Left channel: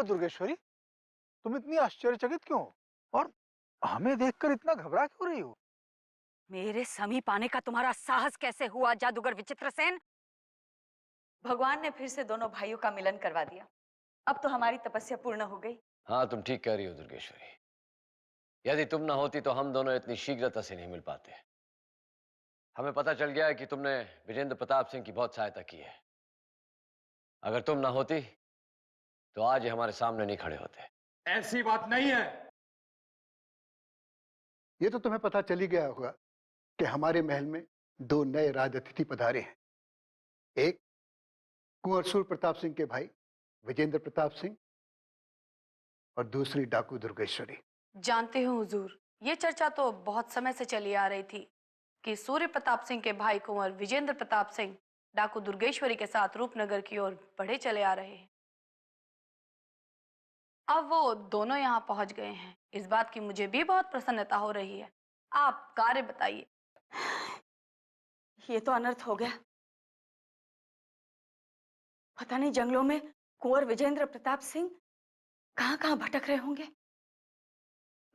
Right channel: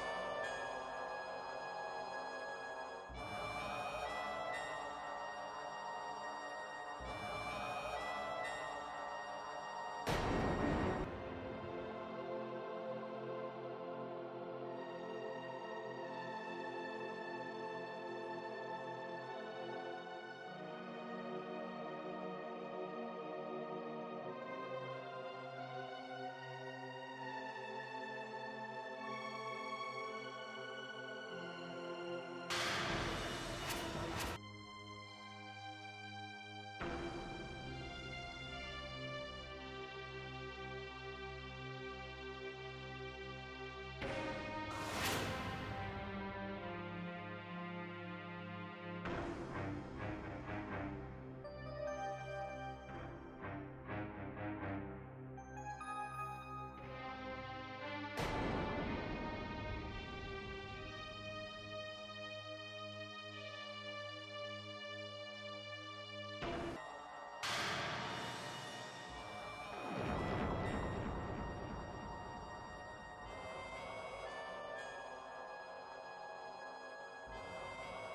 हुआ दुर्गेश्वरी? तुम इतनी आश्चर्यचकित क्यों? और हमें देखकर इतना घबरा क्यों रही हो? मेरे समीप आने का तुम्हारा साहस कैसे हुआ जादूगर विचित्रसेन? भगवान ने फिर से दोनों भाइयों का मिलन करवा दिया। अब तो हमारी तपस्या पूर्ण हो गई। हाँ, तुम ठीक कह रही हो दुर्गेश्वरी। यदि तुम ना होती तो हम दोनों इतनी शीघ्रता से नहीं मिल पाते। हमें पता चल गया है कि तुमने विजेंद्र प्रताप सिंह की बहुत सहायता की है। अगर तुम ना होती तो आज ये हमारे सामने नहीं खड़े होते। ऐसी बात नहीं है। ये तो तुम्हें पता चल ही गया होगा कि हमारे महल में दो नए राज अतिथि पधारे हैं। एक कुंवर सूर्य प्रताप सिंह के भाई विजेंद्र प्रताप सिंह और दूसरी डाकू दुर्गेश्वरी। जानते हो हुजूर, ये चर्चा तो बहुत समय से चली आ रही थी कि सूर्य प्रताप सिंह के भाई कुंवर विजेंद्र प्रताप सिंह डाकू दुर्गेश्वरी के साथ रूपनगर की ओर बढ़े चले आ रहे हैं। अब वो दोनों यहाँ पहुँच गए हैं। इस बात की मुझे भी बहुत प्रसन्नता हो रही है। आप कार्य बताइए। ये तो अनर्थ हो गया। पता नहीं जंगलों में कुंवर विजेंद्र प्रताप सिंह कहाँ भटक रहे होंगे।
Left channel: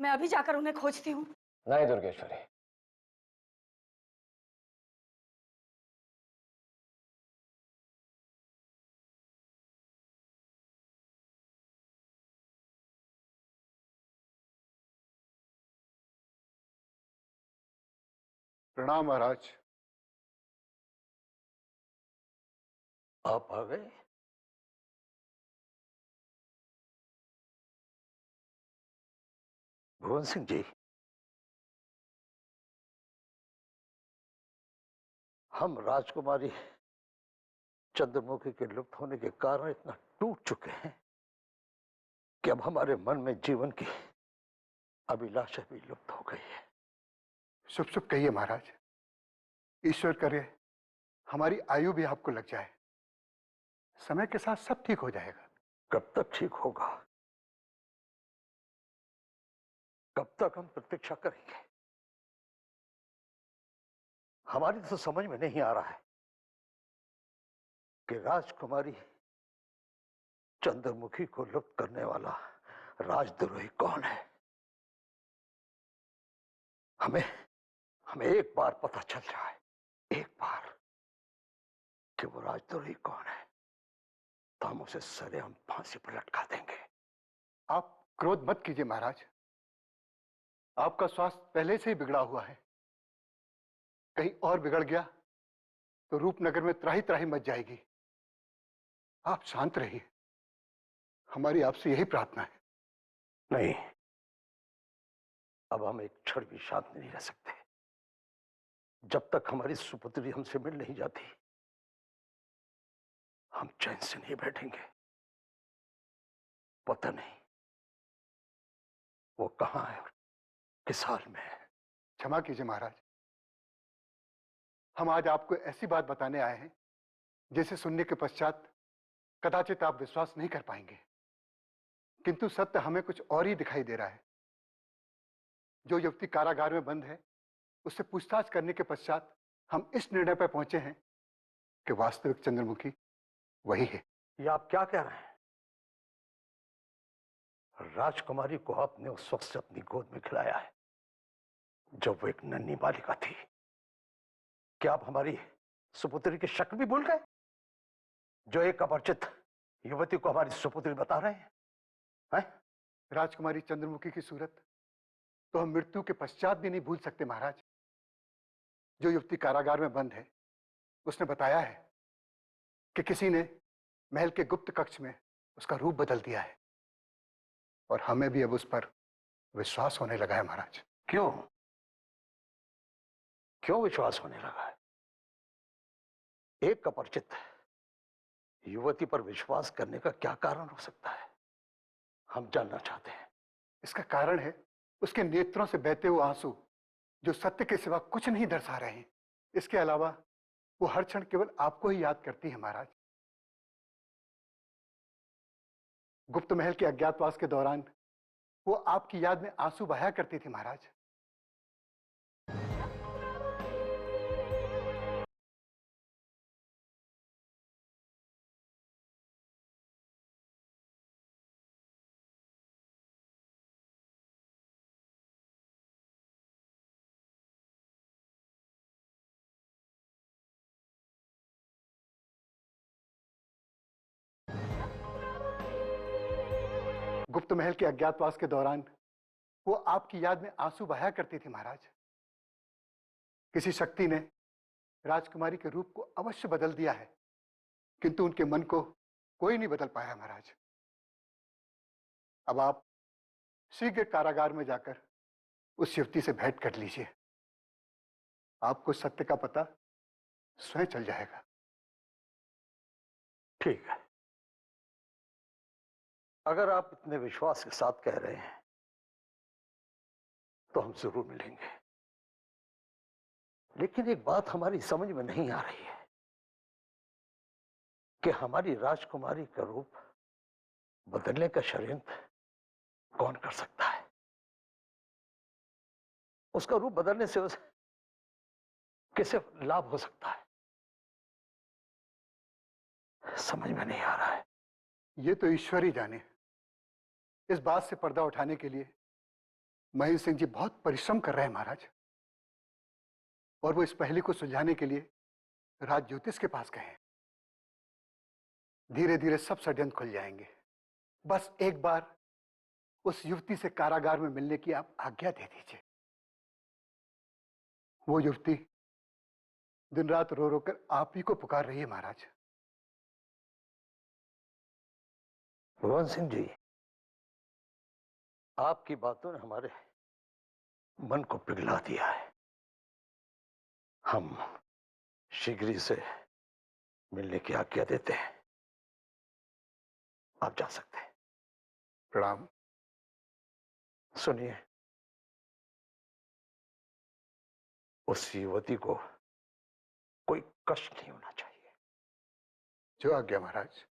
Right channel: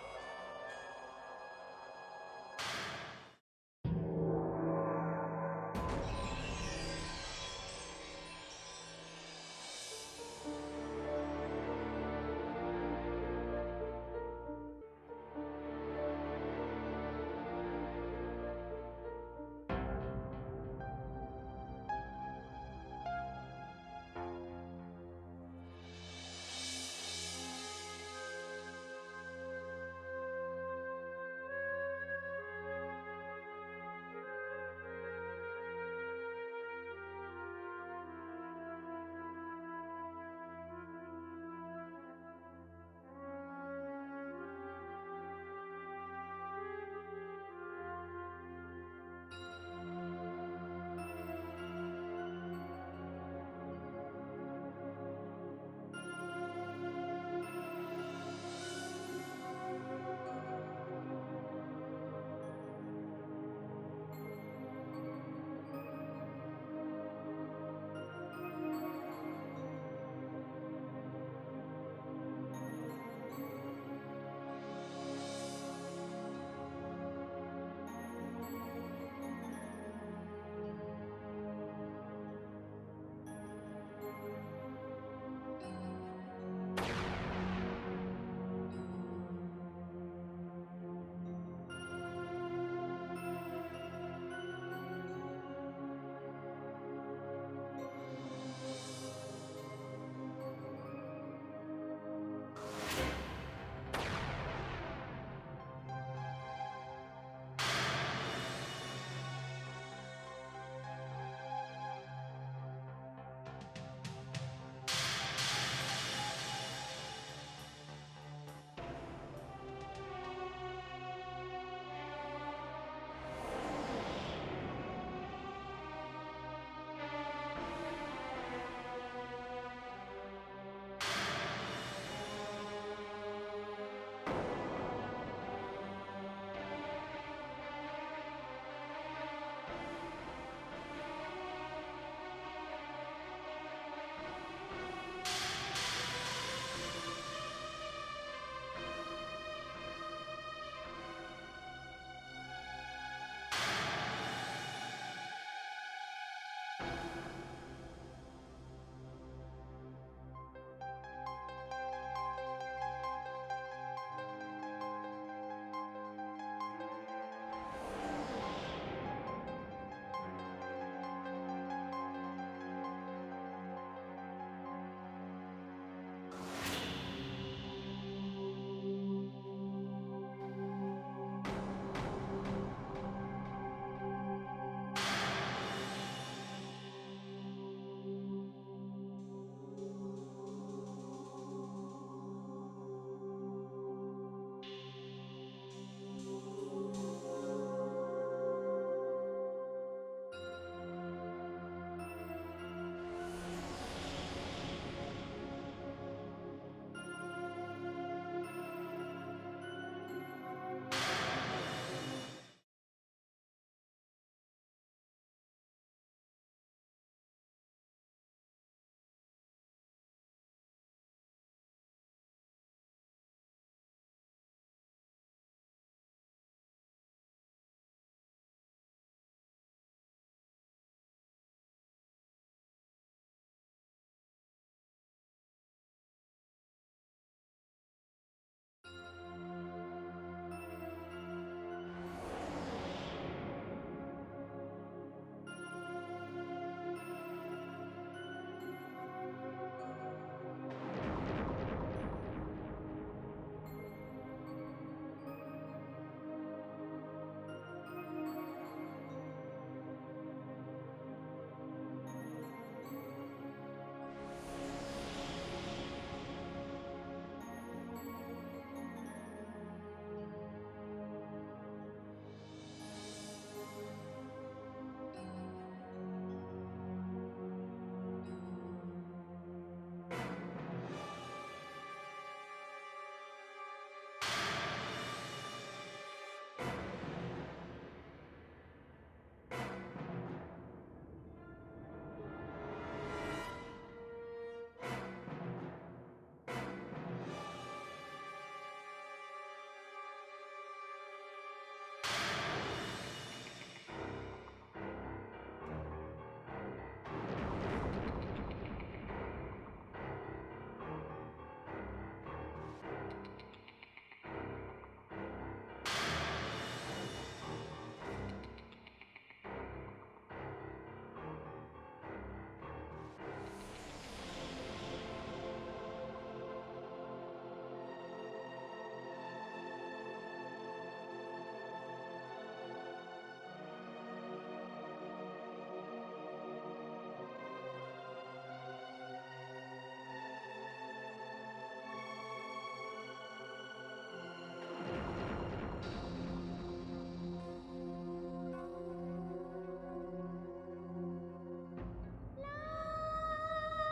मैं अभी जाकर उन्हें खोजती हूँ। नहीं दुर्गेश्वरी, प्रणाम महाराज। आप आ गए? भुवन सिंह जी, हम राजकुमारी चंद्रमुखी के लुप्त होने के कारण इतना टूट चुके हैं कि अब हमारे मन में जीवन की अभिलाषा भी लुप्त हो गई है। शुभ शुभ कहिए महाराज। ईश्वर करे हमारी आयु भी आपको लग जाए। समय के साथ सब ठीक हो जाएगा। कब तक ठीक होगा? कब तक हम प्रतीक्षा करेंगे? हमारी तो समझ में नहीं आ रहा है कि राजकुमारी चंद्रमुखी को लुप्त करने वाला राजद्रोही कौन है। हमें एक बार पता चल रहा है, एक बार, कि वो राजद्रोही कौन है, तो हम उसे सदैव फांसी पर लटका देंगे। आप क्रोध मत कीजिए महाराज। आपका स्वास्थ्य पहले से ही बिगड़ा हुआ है। कहीं और बिगड़ गया तो रूपनगर में त्राही त्राही मच जाएगी। आप शांत रहिए। हमारी आपसे यही प्रार्थना है। नहीं, अब हम एक क्षण भी शांत नहीं रह सकते। जब तक हमारी सुपुत्री हमसे मिल नहीं जाती, हम चैन से नहीं बैठेंगे। पता नहीं वो कहां है, किस हाल में है। क्षमा कीजिए महाराज। हम आज आपको ऐसी बात बताने आए हैं जिसे सुनने के पश्चात कदाचित आप विश्वास नहीं कर पाएंगे, किंतु सत्य हमें कुछ और ही दिखाई दे रहा है। जो युवती कारागार में बंद है, उससे पूछताछ करने के पश्चात हम इस निर्णय पर पहुंचे हैं कि वास्तविक चंद्रमुखी वही है। ये आप क्या कह रहे हैं? राजकुमारी को आपने उस वक्त से अपनी गोद में खिलाया है जब वो एक नन्ही बालिका थी। क्या आप हमारी सुपुत्री की शक्ल भी भूल गए, जो एक अपरिचित युवती को हमारी सुपुत्री बता रहे हैं? राजकुमारी चंद्रमुखी की सूरत तो हम मृत्यु के पश्चात भी नहीं भूल सकते महाराज। जो युवती कारागार में बंद है, उसने बताया है कि किसी ने महल के गुप्त कक्ष में उसका रूप बदल दिया है, और हमें भी अब उस पर विश्वास होने लगा है महाराज। क्यों क्यों विश्वास होने लगा है? एक अपरिचित युवती पर विश्वास करने का क्या कारण हो सकता है, हम जानना चाहते हैं। इसका कारण है उसके नेत्रों से बहते हुए आंसू, जो सत्य के सिवा कुछ नहीं दर्शा रहे। इसके अलावा वो हर क्षण केवल आपको ही याद करती है महाराज। गुप्त महल के अज्ञातवास के दौरान वो आपकी याद में आंसू बहाया करती थी महाराज। गुप्त महल के अज्ञातवास के दौरान वो आपकी याद में आंसू बहाया करती थी महाराज। किसी शक्ति ने राजकुमारी के रूप को अवश्य बदल दिया है, किंतु उनके मन को कोई नहीं बदल पाया महाराज। अब आप शीघ्र कारागार में जाकर उस युवती से भेंट कर लीजिए। आपको सत्य का पता स्वयं चल जाएगा। ठीक है, अगर आप अपने विश्वास के साथ कह रहे हैं तो हम जरूर मिलेंगे। लेकिन एक बात हमारी समझ में नहीं आ रही है कि हमारी राजकुमारी का रूप बदलने का षड्यंत्र कौन कर सकता है। उसका रूप बदलने से उसे किसे लाभ हो सकता है, समझ में नहीं आ रहा है। ये तो ईश्वर ही जाने। इस बात से पर्दा उठाने के लिए महेंद्र सिंह जी बहुत परिश्रम कर रहे हैं महाराज, और वो इस पहेली को सुलझाने के लिए राज ज्योतिष के पास गए हैं। धीरे धीरे सब षड्यंत्र खुल जाएंगे। बस एक बार उस युवती से कारागार में मिलने की आप आज्ञा दे दीजिए। वो युवती दिन रात रो रो कर आप ही को पुकार रही है महाराज। भगवान सिंह जी, आपकी बातों ने हमारे मन को पिघला दिया है। हम शीघ्र ही से मिलने की आज्ञा देते हैं। आप जा सकते हैं। प्रणाम। सुनिए, उस युवती को कोई कष्ट नहीं होना चाहिए। जो आज्ञा महाराज।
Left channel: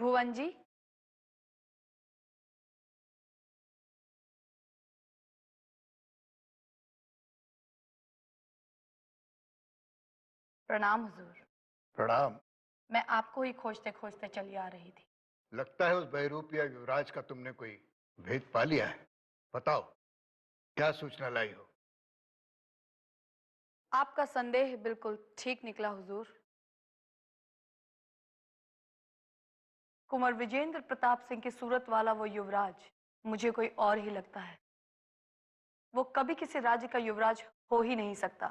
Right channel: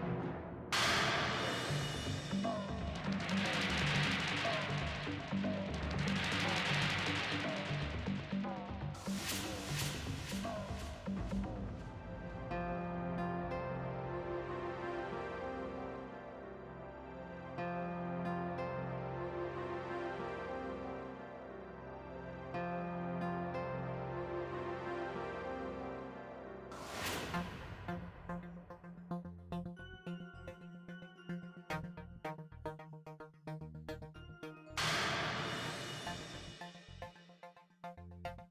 भुवन जी, प्रणाम। प्रणाम। मैं आपको ही खोजते खोजते चली आ रही हूँ। लगता है उस बहरूपिया युवराज का तुमने कोई भेद पा लिया है। बताओ, क्या सूचना लाई हो? आपका संदेह बिल्कुल ठीक निकला हुजूर। कुंवर विजेंद्र प्रताप सिंह की सूरत वाला वो युवराज मुझे कोई और ही लगता है। वो कभी किसी राज्य का युवराज हो ही नहीं सकता,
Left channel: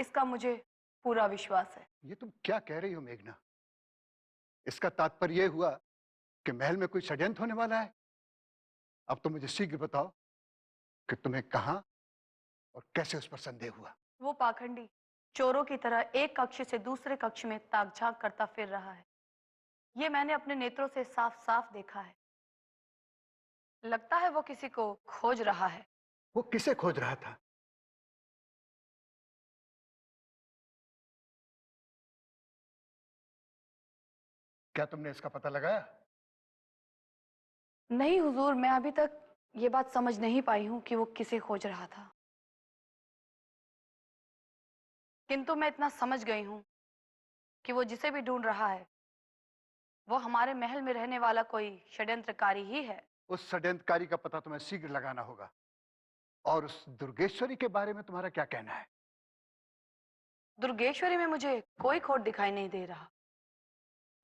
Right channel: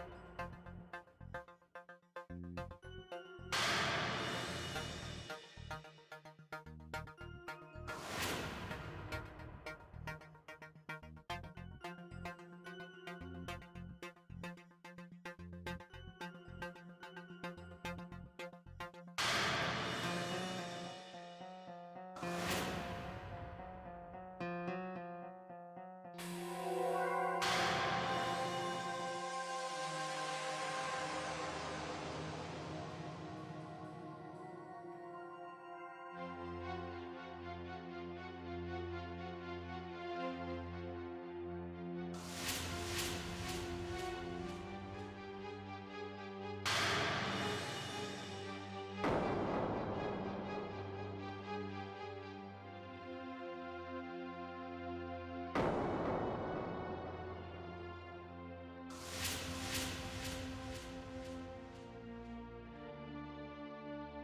इसका मुझे पूरा विश्वास है। ये तुम क्या कह रही हो मेघना? इसका तात्पर्य यह हुआ कि महल में कोई षड्यंत्र होने वाला है। अब तो मुझे शीघ्र बताओ कि तुम्हें कहां और कैसे उस पर संदेह हुआ। वो पाखंडी चोरों की तरह एक कक्ष से दूसरे कक्ष में ताक-झाक करता फिर रहा है। ये मैंने अपने नेत्रों से साफ साफ देखा है। लगता है वो किसी को खोज रहा है। वो किसे खोज रहा था? क्या तुमने इसका पता लगाया? नहीं हुजूर, मैं अभी तक ये बात समझ नहीं पाई हूँ कि वो किसे खोज रहा था, किंतु मैं इतना समझ गई हूँ कि वो जिसे भी ढूंढ रहा है वो हमारे महल में रहने वाला कोई षड्यंत्रकारी ही है। उस षड्यंत्रकारी का पता तुम्हें शीघ्र लगाना होगा। और उस दुर्गेश्वरी के बारे में तुम्हारा क्या कहना है? दुर्गेश्वरी में मुझे कोई खोट दिखाई नहीं दे रहा,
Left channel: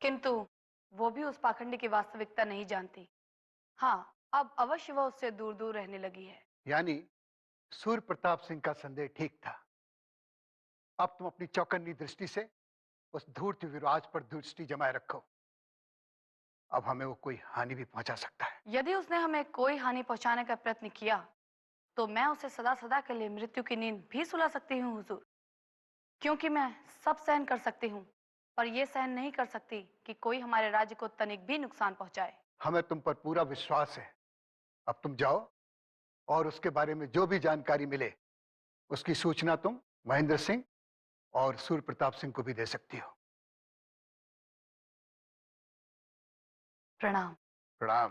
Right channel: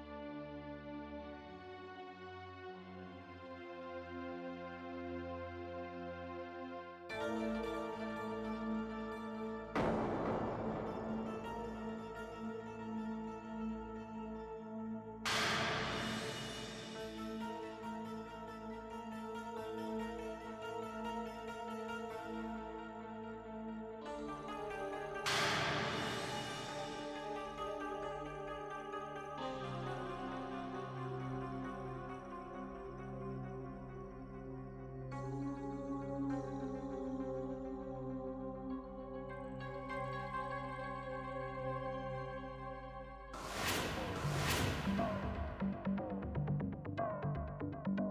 किंतु वो भी उस पाखंडी की वास्तविकता नहीं जानती। हाँ, अब अवश्य वो उससे दूर दूर रहने लगी है। यानी सूर्य प्रताप सिंह का संदेह ठीक था। अब तुम अपनी चौकन्नी दृष्टि से उस धूर्त युवराज पर दृष्टि जमाए रखो। अब हमें वो कोई हानि भी पहुंचा सकता है। यदि उसने हमें कोई हानि पहुंचाने का प्रयत्न किया तो मैं उसे सदा सदा के लिए मृत्यु की नींद भी सुला सकती हूँ हुजूर, क्योंकि मैं सब सहन कर सकती हूँ, पर ये सहन नहीं कर सकती कि कोई हमारे राज्य को तनिक भी नुकसान पहुंचाए। हमें तुम पर पूरा विश्वास है। अब तुम जाओ और उसके बारे में जो भी जानकारी मिले उसकी सूचना तुम महेंद्र सिंह और सूर्य प्रताप सिंह को भी दे सकती हो। प्रणाम। प्रणाम।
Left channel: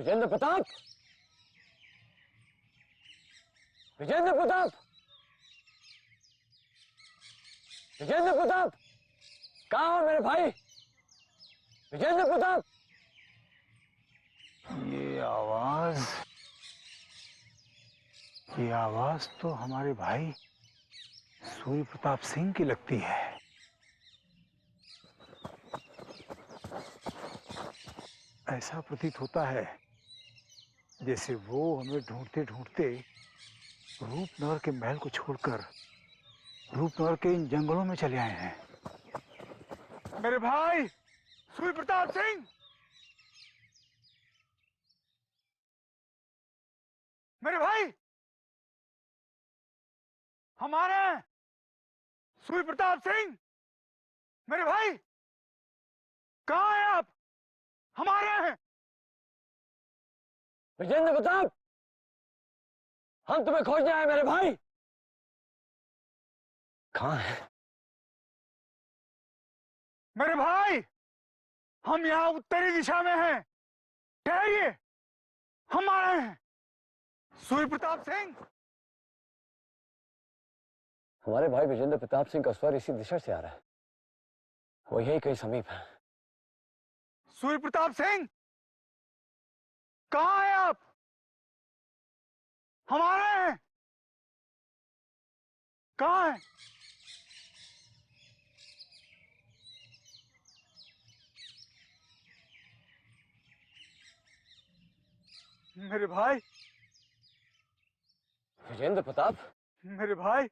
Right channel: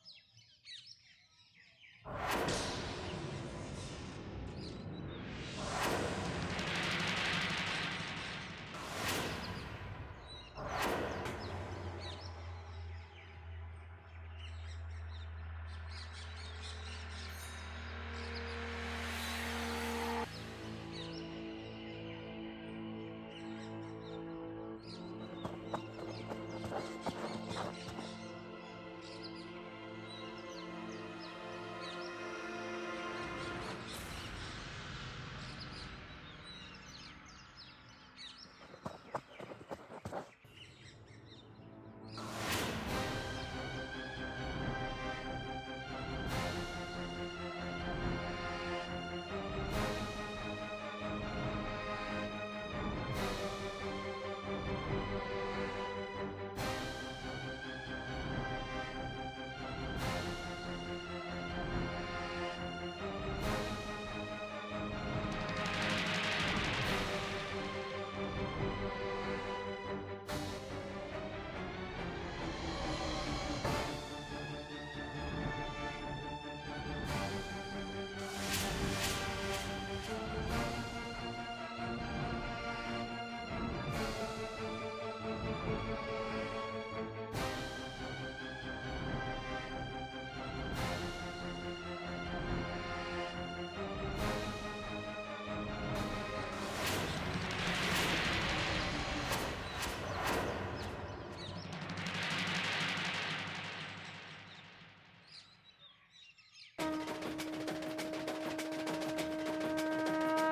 विजेंद्र प्रताप, विजेंद्र प्रताप, विजेंद्र प्रताप, कहाँ हो मेरे भाई? विजेंद्र प्रताप। ये आवाज तो हमारे भाई सूर्य प्रताप सिंह की लगती है। ऐसा प्रतीत होता है जैसे वो हमें ढूंढते ढूंढते रूपनगर के महल को छोड़कर रूपनगर के इन जंगलों में चले आए हैं। मेरे भाई सूर्य प्रताप सिंह, मेरे भाई हमारे सूर्य प्रताप सिंह, मेरे भाई कहाँ हैं आप? हमारे हैं। विजेंद्र प्रताप, हम तुम्हें खोजने आए मेरे भाई। कहाँ है? मेरे भाई हम यहाँ उत्तरी दिशा में हैं। ठहरिए, हम आ रहे हैं। सूर्य प्रताप सिंह, हमारे भाई विजेंद्र प्रताप सिंह का स्वर इसी दिशा से आ रहा है। वो यही कहीं समीप है। सूर्य प्रताप सिंह कहाँ हैं आप? हमारे हैं। कहाँ हैं? मेरे भाई, विजेंद्र प्रताप, मेरे भाई,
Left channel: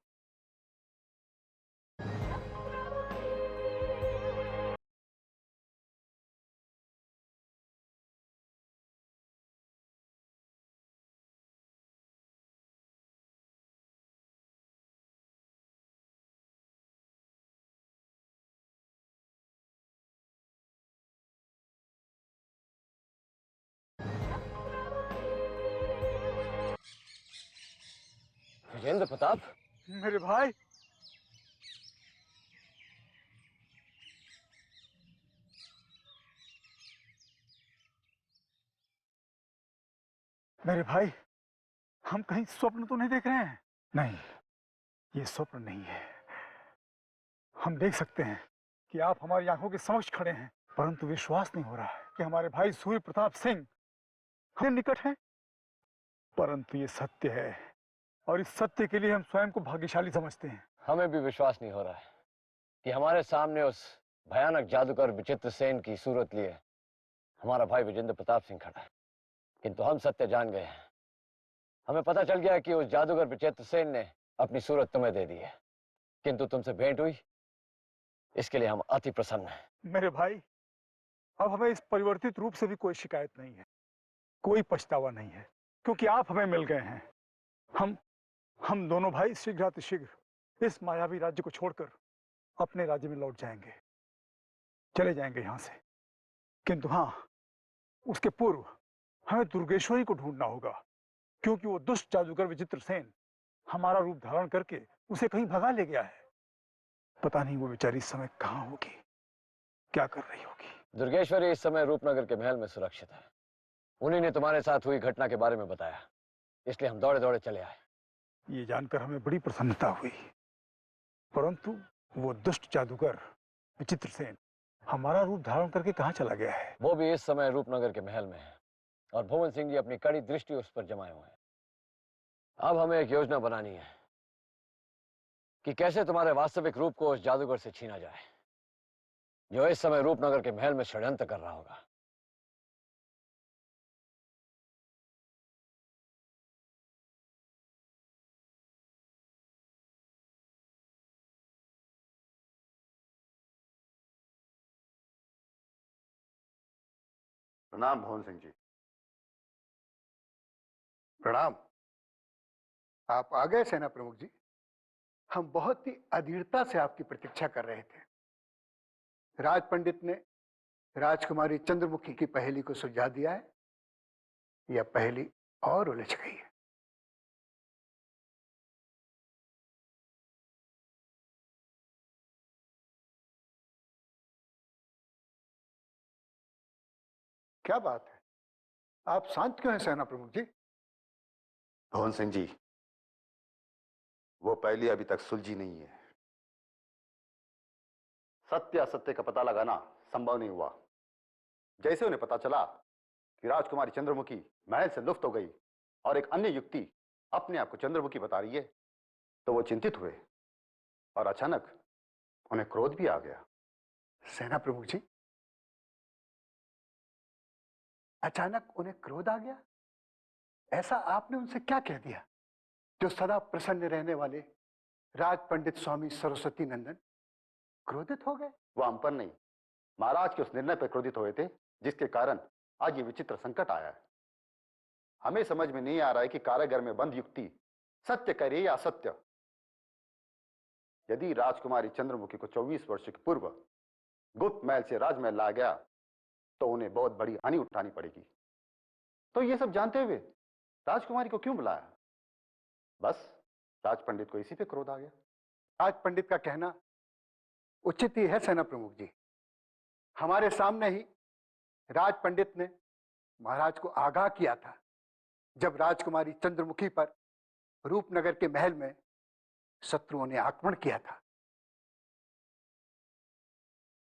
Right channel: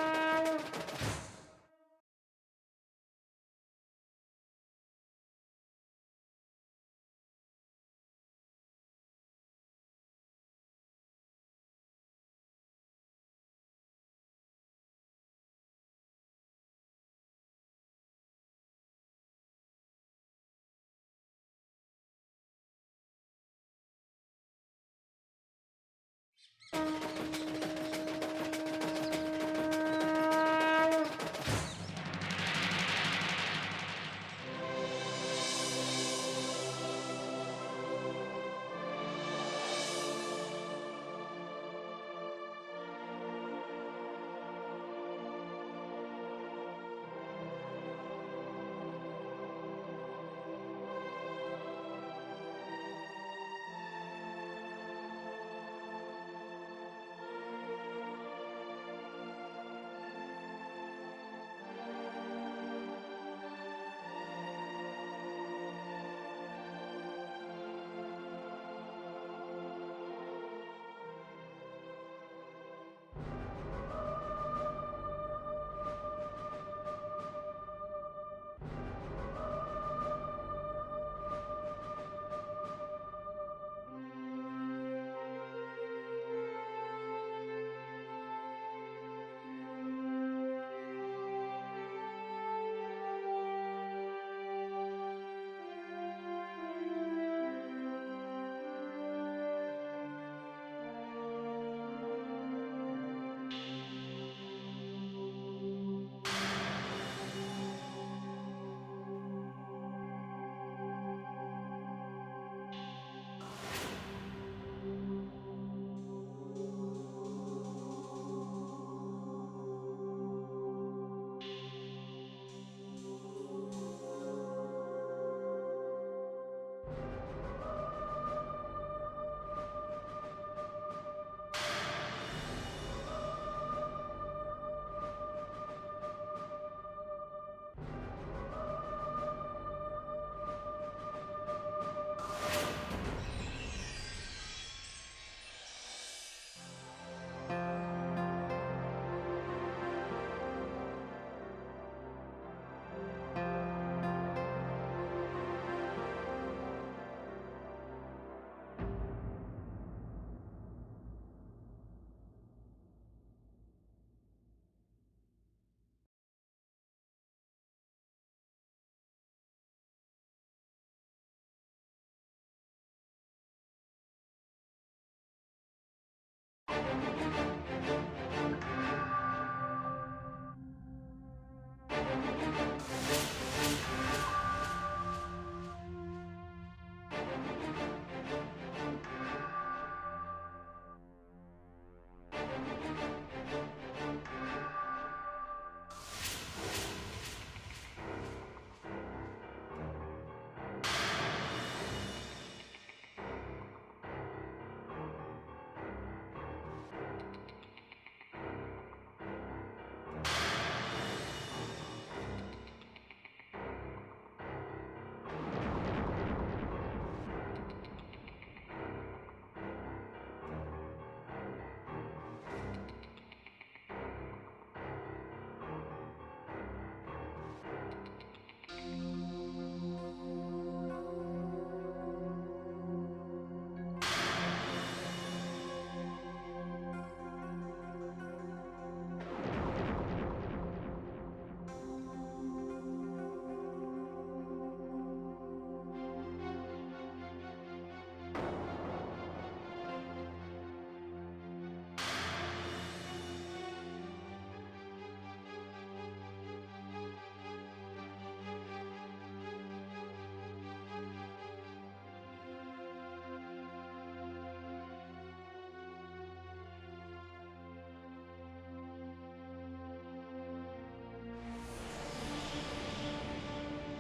विजेंद्र प्रताप, मेरे भाई, मेरे भाई, हम कहीं स्वप्न तो नहीं देख रहे हैं? नहीं, ये स्वप्न नहीं है। हम देख सकते हैं कि आप हमारी आंखों के समक्ष खड़े हैं, परंतु विश्वास नहीं हो रहा है कि हमारे भाई सूर्य प्रताप सिंह हमारे निकट हैं। परंतु ये सत्य है और इस सत्य के लिए हम स्वयं को भाग्यशाली समझते हैं। हमें भी विश्वास नहीं हो रहा कि हमारे सामने उस भयानक जादूगर विचित्र सेन की सूरत लिए हमारा भाई विजेंद्र प्रताप सिंह खड़ा है। किंतु हम सत्य जान गए हैं। हमें पता चल गया कि उस जादूगर विचित्र सेन ने अपनी सूरत तुम्हें दे दी है, किंतु तुमसे भेंट हुई, इसके लिए हम अति प्रसन्न हैं। मेरे भाई, अब हमें इस परिवर्तित रूप से भी कोई शिकायत नहीं है, कोई पछतावा नहीं है, क्योंकि आप हमें मिल गए हैं। हम दोनों भाई शीघ्रातिशीघ्र इस मायावी राज्य को छोड़कर अपने राज्य में लौट जाएंगे, चले जाएंगे यहाँ से। किंतु हाँ, उसके पूर्व हमें दुर्गेश्वरी को ढूंढना होगा, क्योंकि वो दुष्ट जादूगर विचित्र सेन हमारा रूप धारण करके उसे कहीं भगा ले गया है। पता नहीं वो बेचारी इस समय कहाँ होगी, क्या कर रही होगी। दुर्गेश्वरी इस समय रूपनगर के महल में सुरक्षित है। उन्हीं ने तुम्हारे साथ हुई घटना के बारे में बताया, इसलिए हम दौड़े दौड़े चले आए। ये जानकर हमें बड़ी प्रसन्नता हुई, परंतु वो दुष्ट जादूगर विचित्र सेन हमारा रूप धारण करके कहाँ चला गया है? वो भी इस समय रूपनगर के महल में है और भुवन सिंह जी अपनी कड़ी दृष्टि उस पर जमाए हुए हैं। अब हमें एक योजना बनानी है कि कैसे तुम्हारे वास्तविक रूप को उस जादूगर से छीना जाए, जो इस समय रूपनगर के महल में षड्यंत्र कर रहा होगा। प्रणाम भुवन सिंह जी। प्रणाम। आप आ गए सेना प्रमुख जी। हम बहुत ही अधीरता से आपकी प्रतीक्षा कर रहे थे। राज पंडित ने राजकुमारी चंद्रमुखी की पहेली को सुलझा दिया है। यह पहेली और उलझ गई है। क्या बात है? आप शांत क्यों हैं सेना प्रमुख जी? भवन सिंह जी, वो पहली अभी तक सुलझी नहीं है। सत्य असत्य का पता लगाना संभव नहीं हुआ। जैसे उन्हें पता चला कि राजकुमारी चंद्रमुखी महल से लुप्त हो गई और एक अन्य युक्ति अपने आप को चंद्रमुखी बता रही है, तो वो चिंतित हुए और अचानक उन्हें क्रोध भी आ गया। सेना प्रमुख जी, अचानक उन्हें क्रोध आ गया? ऐसा आपने उनसे क्या कह दिया जो सदा प्रसन्न रहने वाले राज पंडित स्वामी सरस्वती नंदन क्रोधित हो गए? वो हम पर नहीं, महाराज के उस निर्णय पर क्रोधित हुए थे जिसके कारण आज ये विचित्र संकट आया है। हमें समझ में नहीं आ रहा है कि कारागार में बंद युक्ति सत्य कह रही है या असत्य। यदि राजकुमारी चंद्रमुखी को 24 वर्ष के पूर्व गुप्त महल से राजमहल लाया गया तो उन्हें बहुत बड़ी हानि उठानी पड़ेगी। तो ये सब जानते हुए राजकुमारी को क्यों बुलाया? बस राज पंडित को इसी पे क्रोध आ गया। राज पंडित का कहना उचित ही है सेना प्रमुख जी। हमारे सामने ही राज पंडित ने महाराज को आगाह किया था जब राजकुमारी चंद्रमुखी पर रूपनगर के महल में शत्रुओं ने आक्रमण किया था।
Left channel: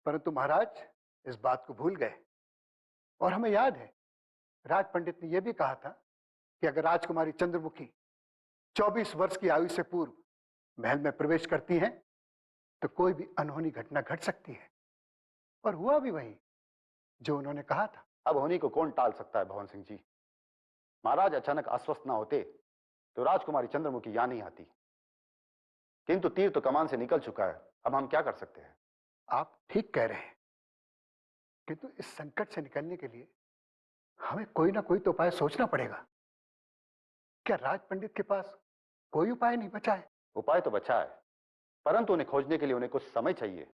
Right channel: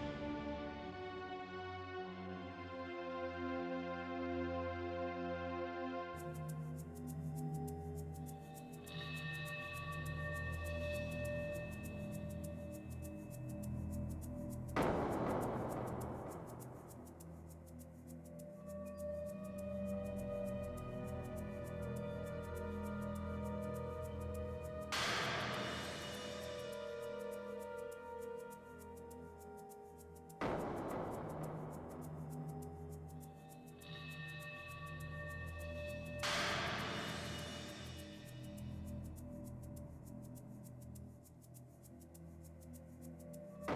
परंतु महाराज इस बात को भूल गए और हमें याद है राज पंडित ने यह भी कहा था कि अगर राजकुमारी चंद्रमुखी 24 वर्ष की आयु से पूर्व महल में प्रवेश करती हैं तो कोई भी अनहोनी घटना घट सकती है। और हुआ भी वही जो उन्होंने कहा था। अब होनी को कौन टाल सकता है भवन सिंह जी? महाराज अचानक अस्वस्थ ना होते तो राजकुमारी चंद्रमुखी यहां नहीं आती। किंतु तीर तो कमान से निकल चुका है, अब हम क्या कर सकते हैं? आप ठीक कह रहे हैं, किंतु इस संकट से निकलने के लिए हमें कोई ना कोई तो उपाय सोचना पड़ेगा। क्या राज पंडित के पास कोई उपाय नहीं बचा है? उपाय तो बचा है, परंतु उन्हें खोजने के लिए उन्हें कुछ समय चाहिए।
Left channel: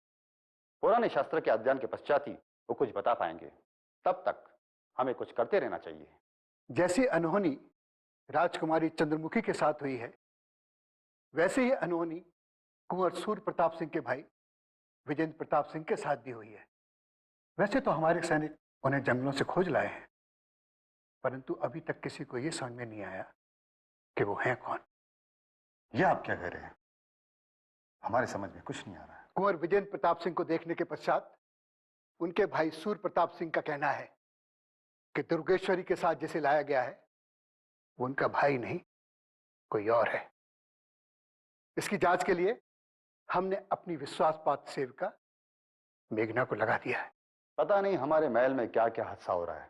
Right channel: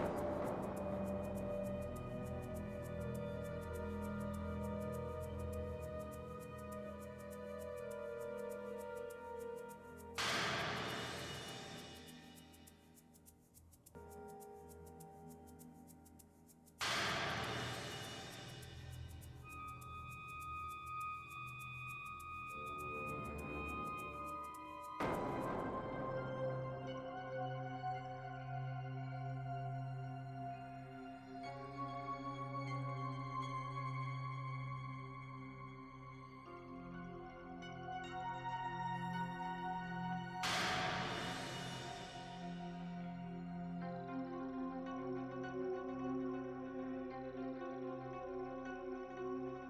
पुराने शास्त्र के अध्ययन के पश्चात ही वो कुछ बता पाएंगे। तब तक हमें कुछ करते रहना चाहिए। जैसी अनहोनी राजकुमारी चंद्रमुखी के साथ हुई है, वैसे ही अनहोनी कुंवर सूर्य प्रताप सिंह के भाई विजेंद्र प्रताप सिंह के साथ भी हुई है। वैसे तो हमारे सैनिक उन्हें जंगलों से खोज लाए हैं, परंतु अभी तक किसी को यह समझ में नहीं आया कि वो हैं कौन। यह आप क्या कह रहे हैं? हमारे समझ में कुछ नहीं आ रहा है। कुंवर विजेंद्र प्रताप सिंह को देखने के पश्चात उनके भाई सूर्य प्रताप सिंह का कहना है कि दुर्गेश्वरी के साथ जिसे लाया गया है वो उनका भाई नहीं कोई और है। इसकी जांच के लिए हमने अपनी विश्वासपात्र सेविका मेघना को लगा दिया है। पता नहीं हमारे महल में क्या क्या हादसा हो रहा है।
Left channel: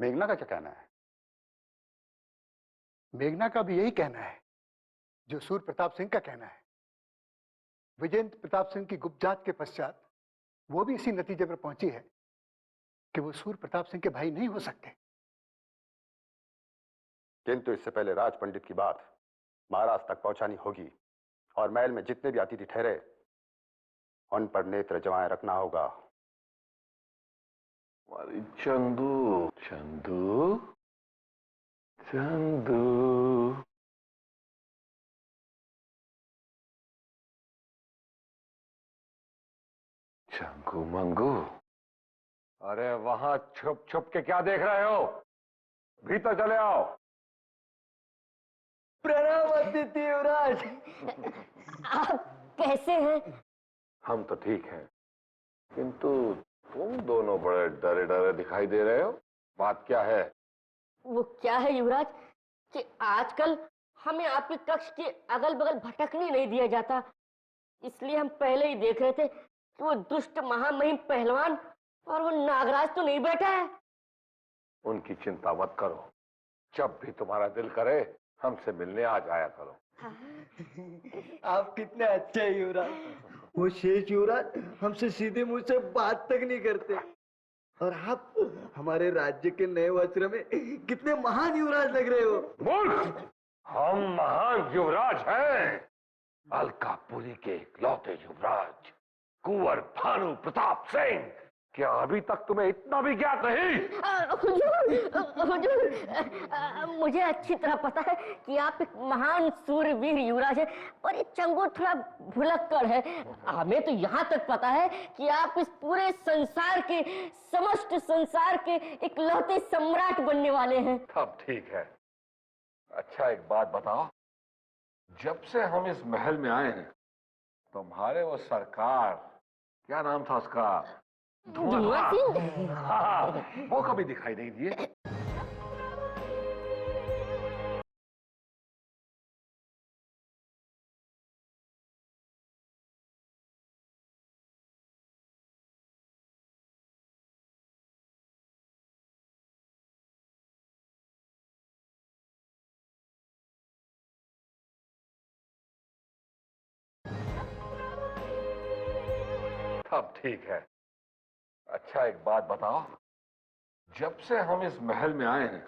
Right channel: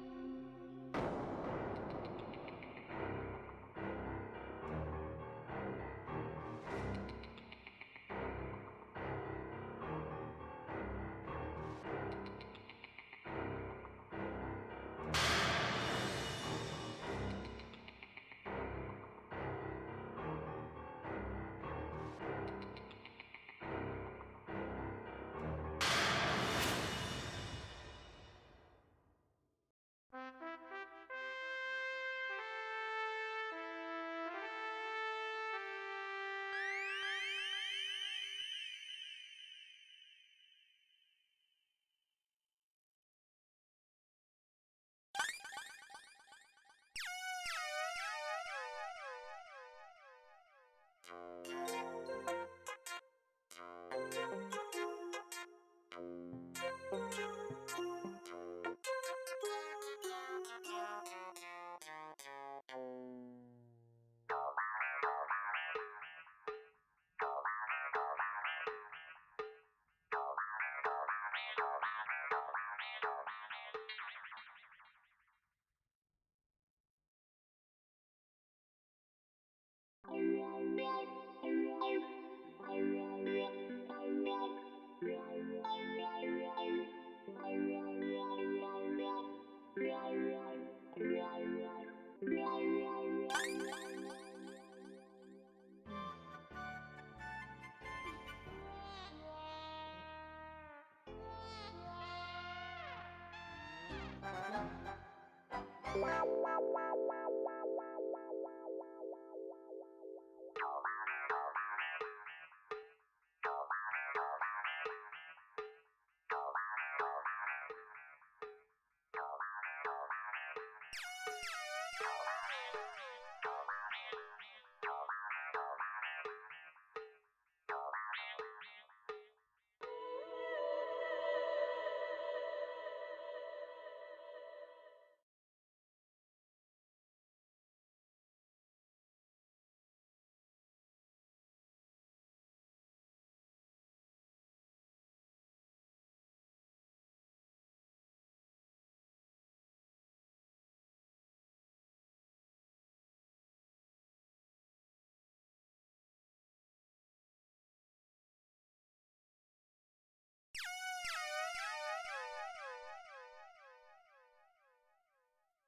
मेघना का क्या कहना है? मेघना का भी यही कहना है जो सूर्य प्रताप सिंह का कहना है। विजेंद्र प्रताप सिंह की गुप्तजांच के पश्चात वो भी इसी नतीजे पर पहुंची है कि वो सूर्य प्रताप सिंह के भाई नहीं हो सकते। किंतु इससे पहले राज पंडित की बात महाराज तक पहुंचानी होगी और महल में जितने भी अतिथि ठहरे उन पर नेत्र जमाए रखना होगा। चंदू चंदू चंदू, चंगू मंगू, अरे वहां छुप छुप के क्या देख रहे हो? भीतर चले आओ। प्रणाम अतिथि युवराज। आप कैसे हैं? हम तो ठीक हैं, किंतु तुम दोनों बड़े डरे डरे दिखाई दे रहे हो। बात क्या है? वो क्या है युवराज कि आजकल हमें आपके कक्ष के अगल बगल भटकने नहीं दिया जाता, इसलिए हम पहले ही देख रहे थे कि वो दुष्ट महामहिम पहलवान और वो नागराज तो नहीं बैठा है। उनकी चिंता मत करो, जब भी तुम्हारा दिल करे हमसे मिलने आ जाया करो। आप कितने अच्छे हैं युवराज। वो शेष युवराज हमसे सीधे मुंह से बात तक नहीं करते, और आप हमारे राज्य के नए वस्त्र में कितने महान युवराज लग रहे हो। मूर्ख! हम महान युवराज हैं। अलकापुरी के इकलौते युवराज कुंवर भानु प्रताप सिंह। क्या अभी तक तुम्हें इतना भी ज्ञात नहीं? हुजूर, मुझे अच्छी तरह पता है कि आप एक महान सूरवीर युवराज है और ये चंगू थोड़ा भुलक्कड़ है। हमें तो यहाँ तक पता है कि आप इस पूरे संसार के, समस्त संसार के इकलौते सम्राट बनने वाले हैं। सब ठीक है। अच्छा एक बात बताओ, जब से हम इस महल में आए हैं तुम्हारे वो सरकार, क्या नाम था उसका, धुआं सिंह? हाँ, वो कभी दिखाई नहीं दिए। सब ठीक है। अच्छा एक बात बताओ, जब से हम इस महल में आए हैं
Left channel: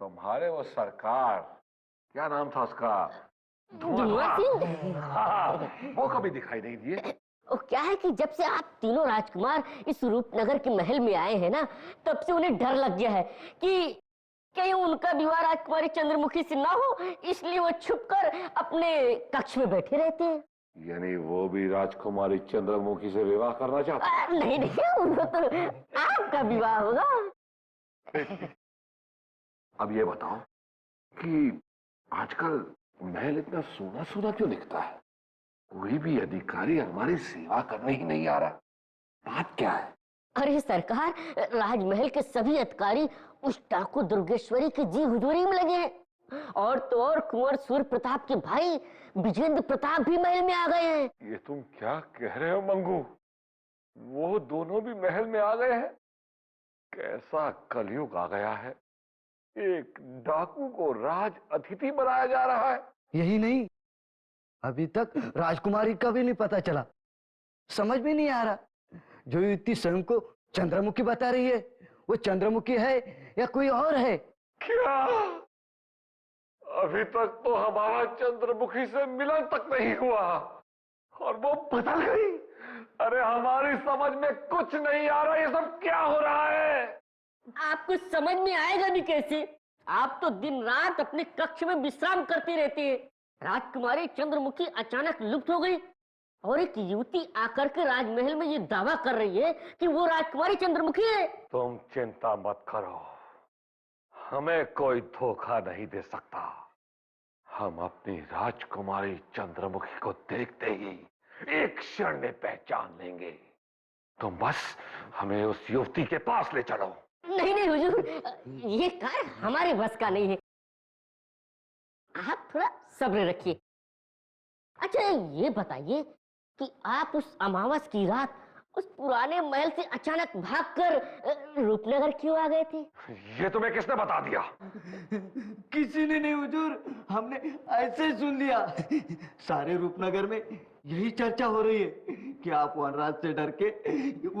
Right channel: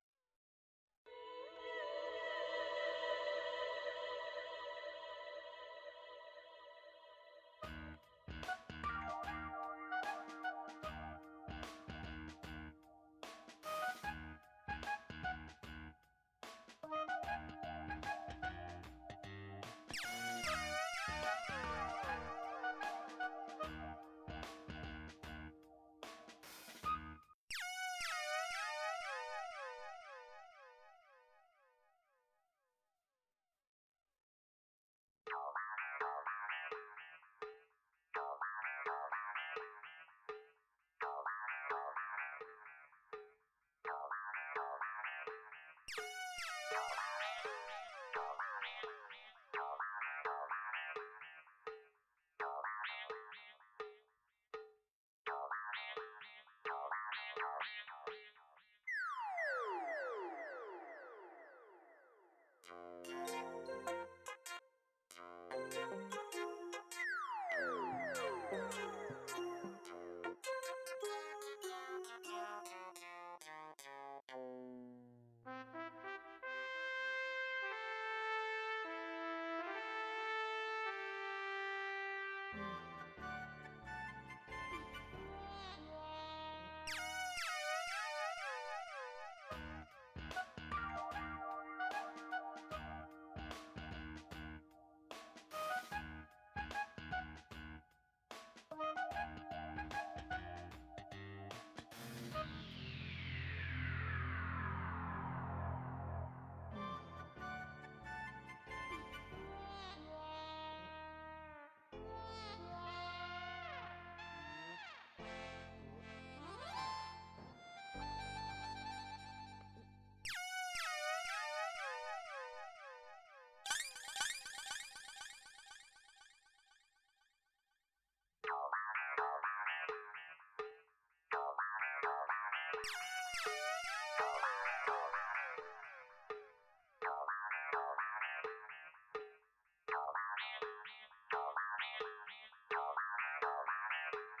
तुम्हारे वो सरकार, क्या नाम था उसका, धुआं सिंह? हाँ, वो कभी दिखाई नहीं दिए। और क्या है कि जब से आप तीनों राजकुमार इस रूपनगर के महल में आए हैं ना, तब से उन्हें डर लग गया है कि कहीं उनका विवाह राजकुमारी चंद्रमुखी से ना हो, इसलिए वो छुपकर अपने कक्ष में बैठे रहते हैं। यानी वो भी राजकुमारी चंद्रमुखी से विवाह करना चाहते? नहीं नहीं, वो तो आपका विवाह होगा। अब ये बताओ कि आजकल महल इतना सोना सोना क्यों दिखता है? कोई भी अधिकारी हमारी सेवा करने ही नहीं आ रहा। बात क्या है? अरे सरकार, राजमहल के सभी अधिकारी उस डाकू दुर्गेश्वरी की जी हुजूरी में लगे हैं। और तो और कुंवर सूर्य प्रताप के भाई विजेंद्र प्रताप भी महल में आ गए हैं। ये तुम क्या कह रहे हो मंगू? वो दोनों भी महल में आ गए हैं? कैसा कलयुग आ गया है, एक डाकू को राज अतिथि बनाया जा रहा है। यही नहीं, अभी तक राजकुमारी का भी नहीं पता चला। समझ में नहीं आ रहा, जो युवती स्वयं को चंद्रमुखी बता रही है, वो चंद्रमुखी है या कोई और है? क्या अभी तक तो हमारा चंद्रमुखी से मिलन तक नहीं हुआ और वो बदल गई? अरे हमारी समझ में कुछ नहीं आ रहा, ये सब क्या हो रहा है? आपको समझ में आएगा भी कैसे? आप तो दिन रात अपने कक्ष में विश्राम करती रहती है। राजकुमारी चंद्रमुखी अचानक लुप्त हो गई और एक युवती आकर के राजमहल में ये दावा कर रही है कि वो राजकुमारी चंद्रमुखी है। तुम चिंता मत करो, हमें कोई धोखा नहीं दे सकता। हम अपनी राजकुमारी चंद्रमुखी को देखते ही एक क्षण में पहचान लेंगे। तुम बस हमें उस युवती के पास ले चलो। नहीं नहीं हुजूर, ये कार्य हमारे बस का नहीं है। आप थोड़ा सब्र रखिए। अच्छा ये बताइए कि आप उस अमावस की रात उस पुराने महल से अचानक भागकर रूपनगर क्यों आ गए थे? ये तुम्हें किसने बता दिया? किसी ने नहीं हुजूर, हमने ऐसे सुन लिया। सारे रूपनगर में यही चर्चा हो रही है कि आप वनराज से डर के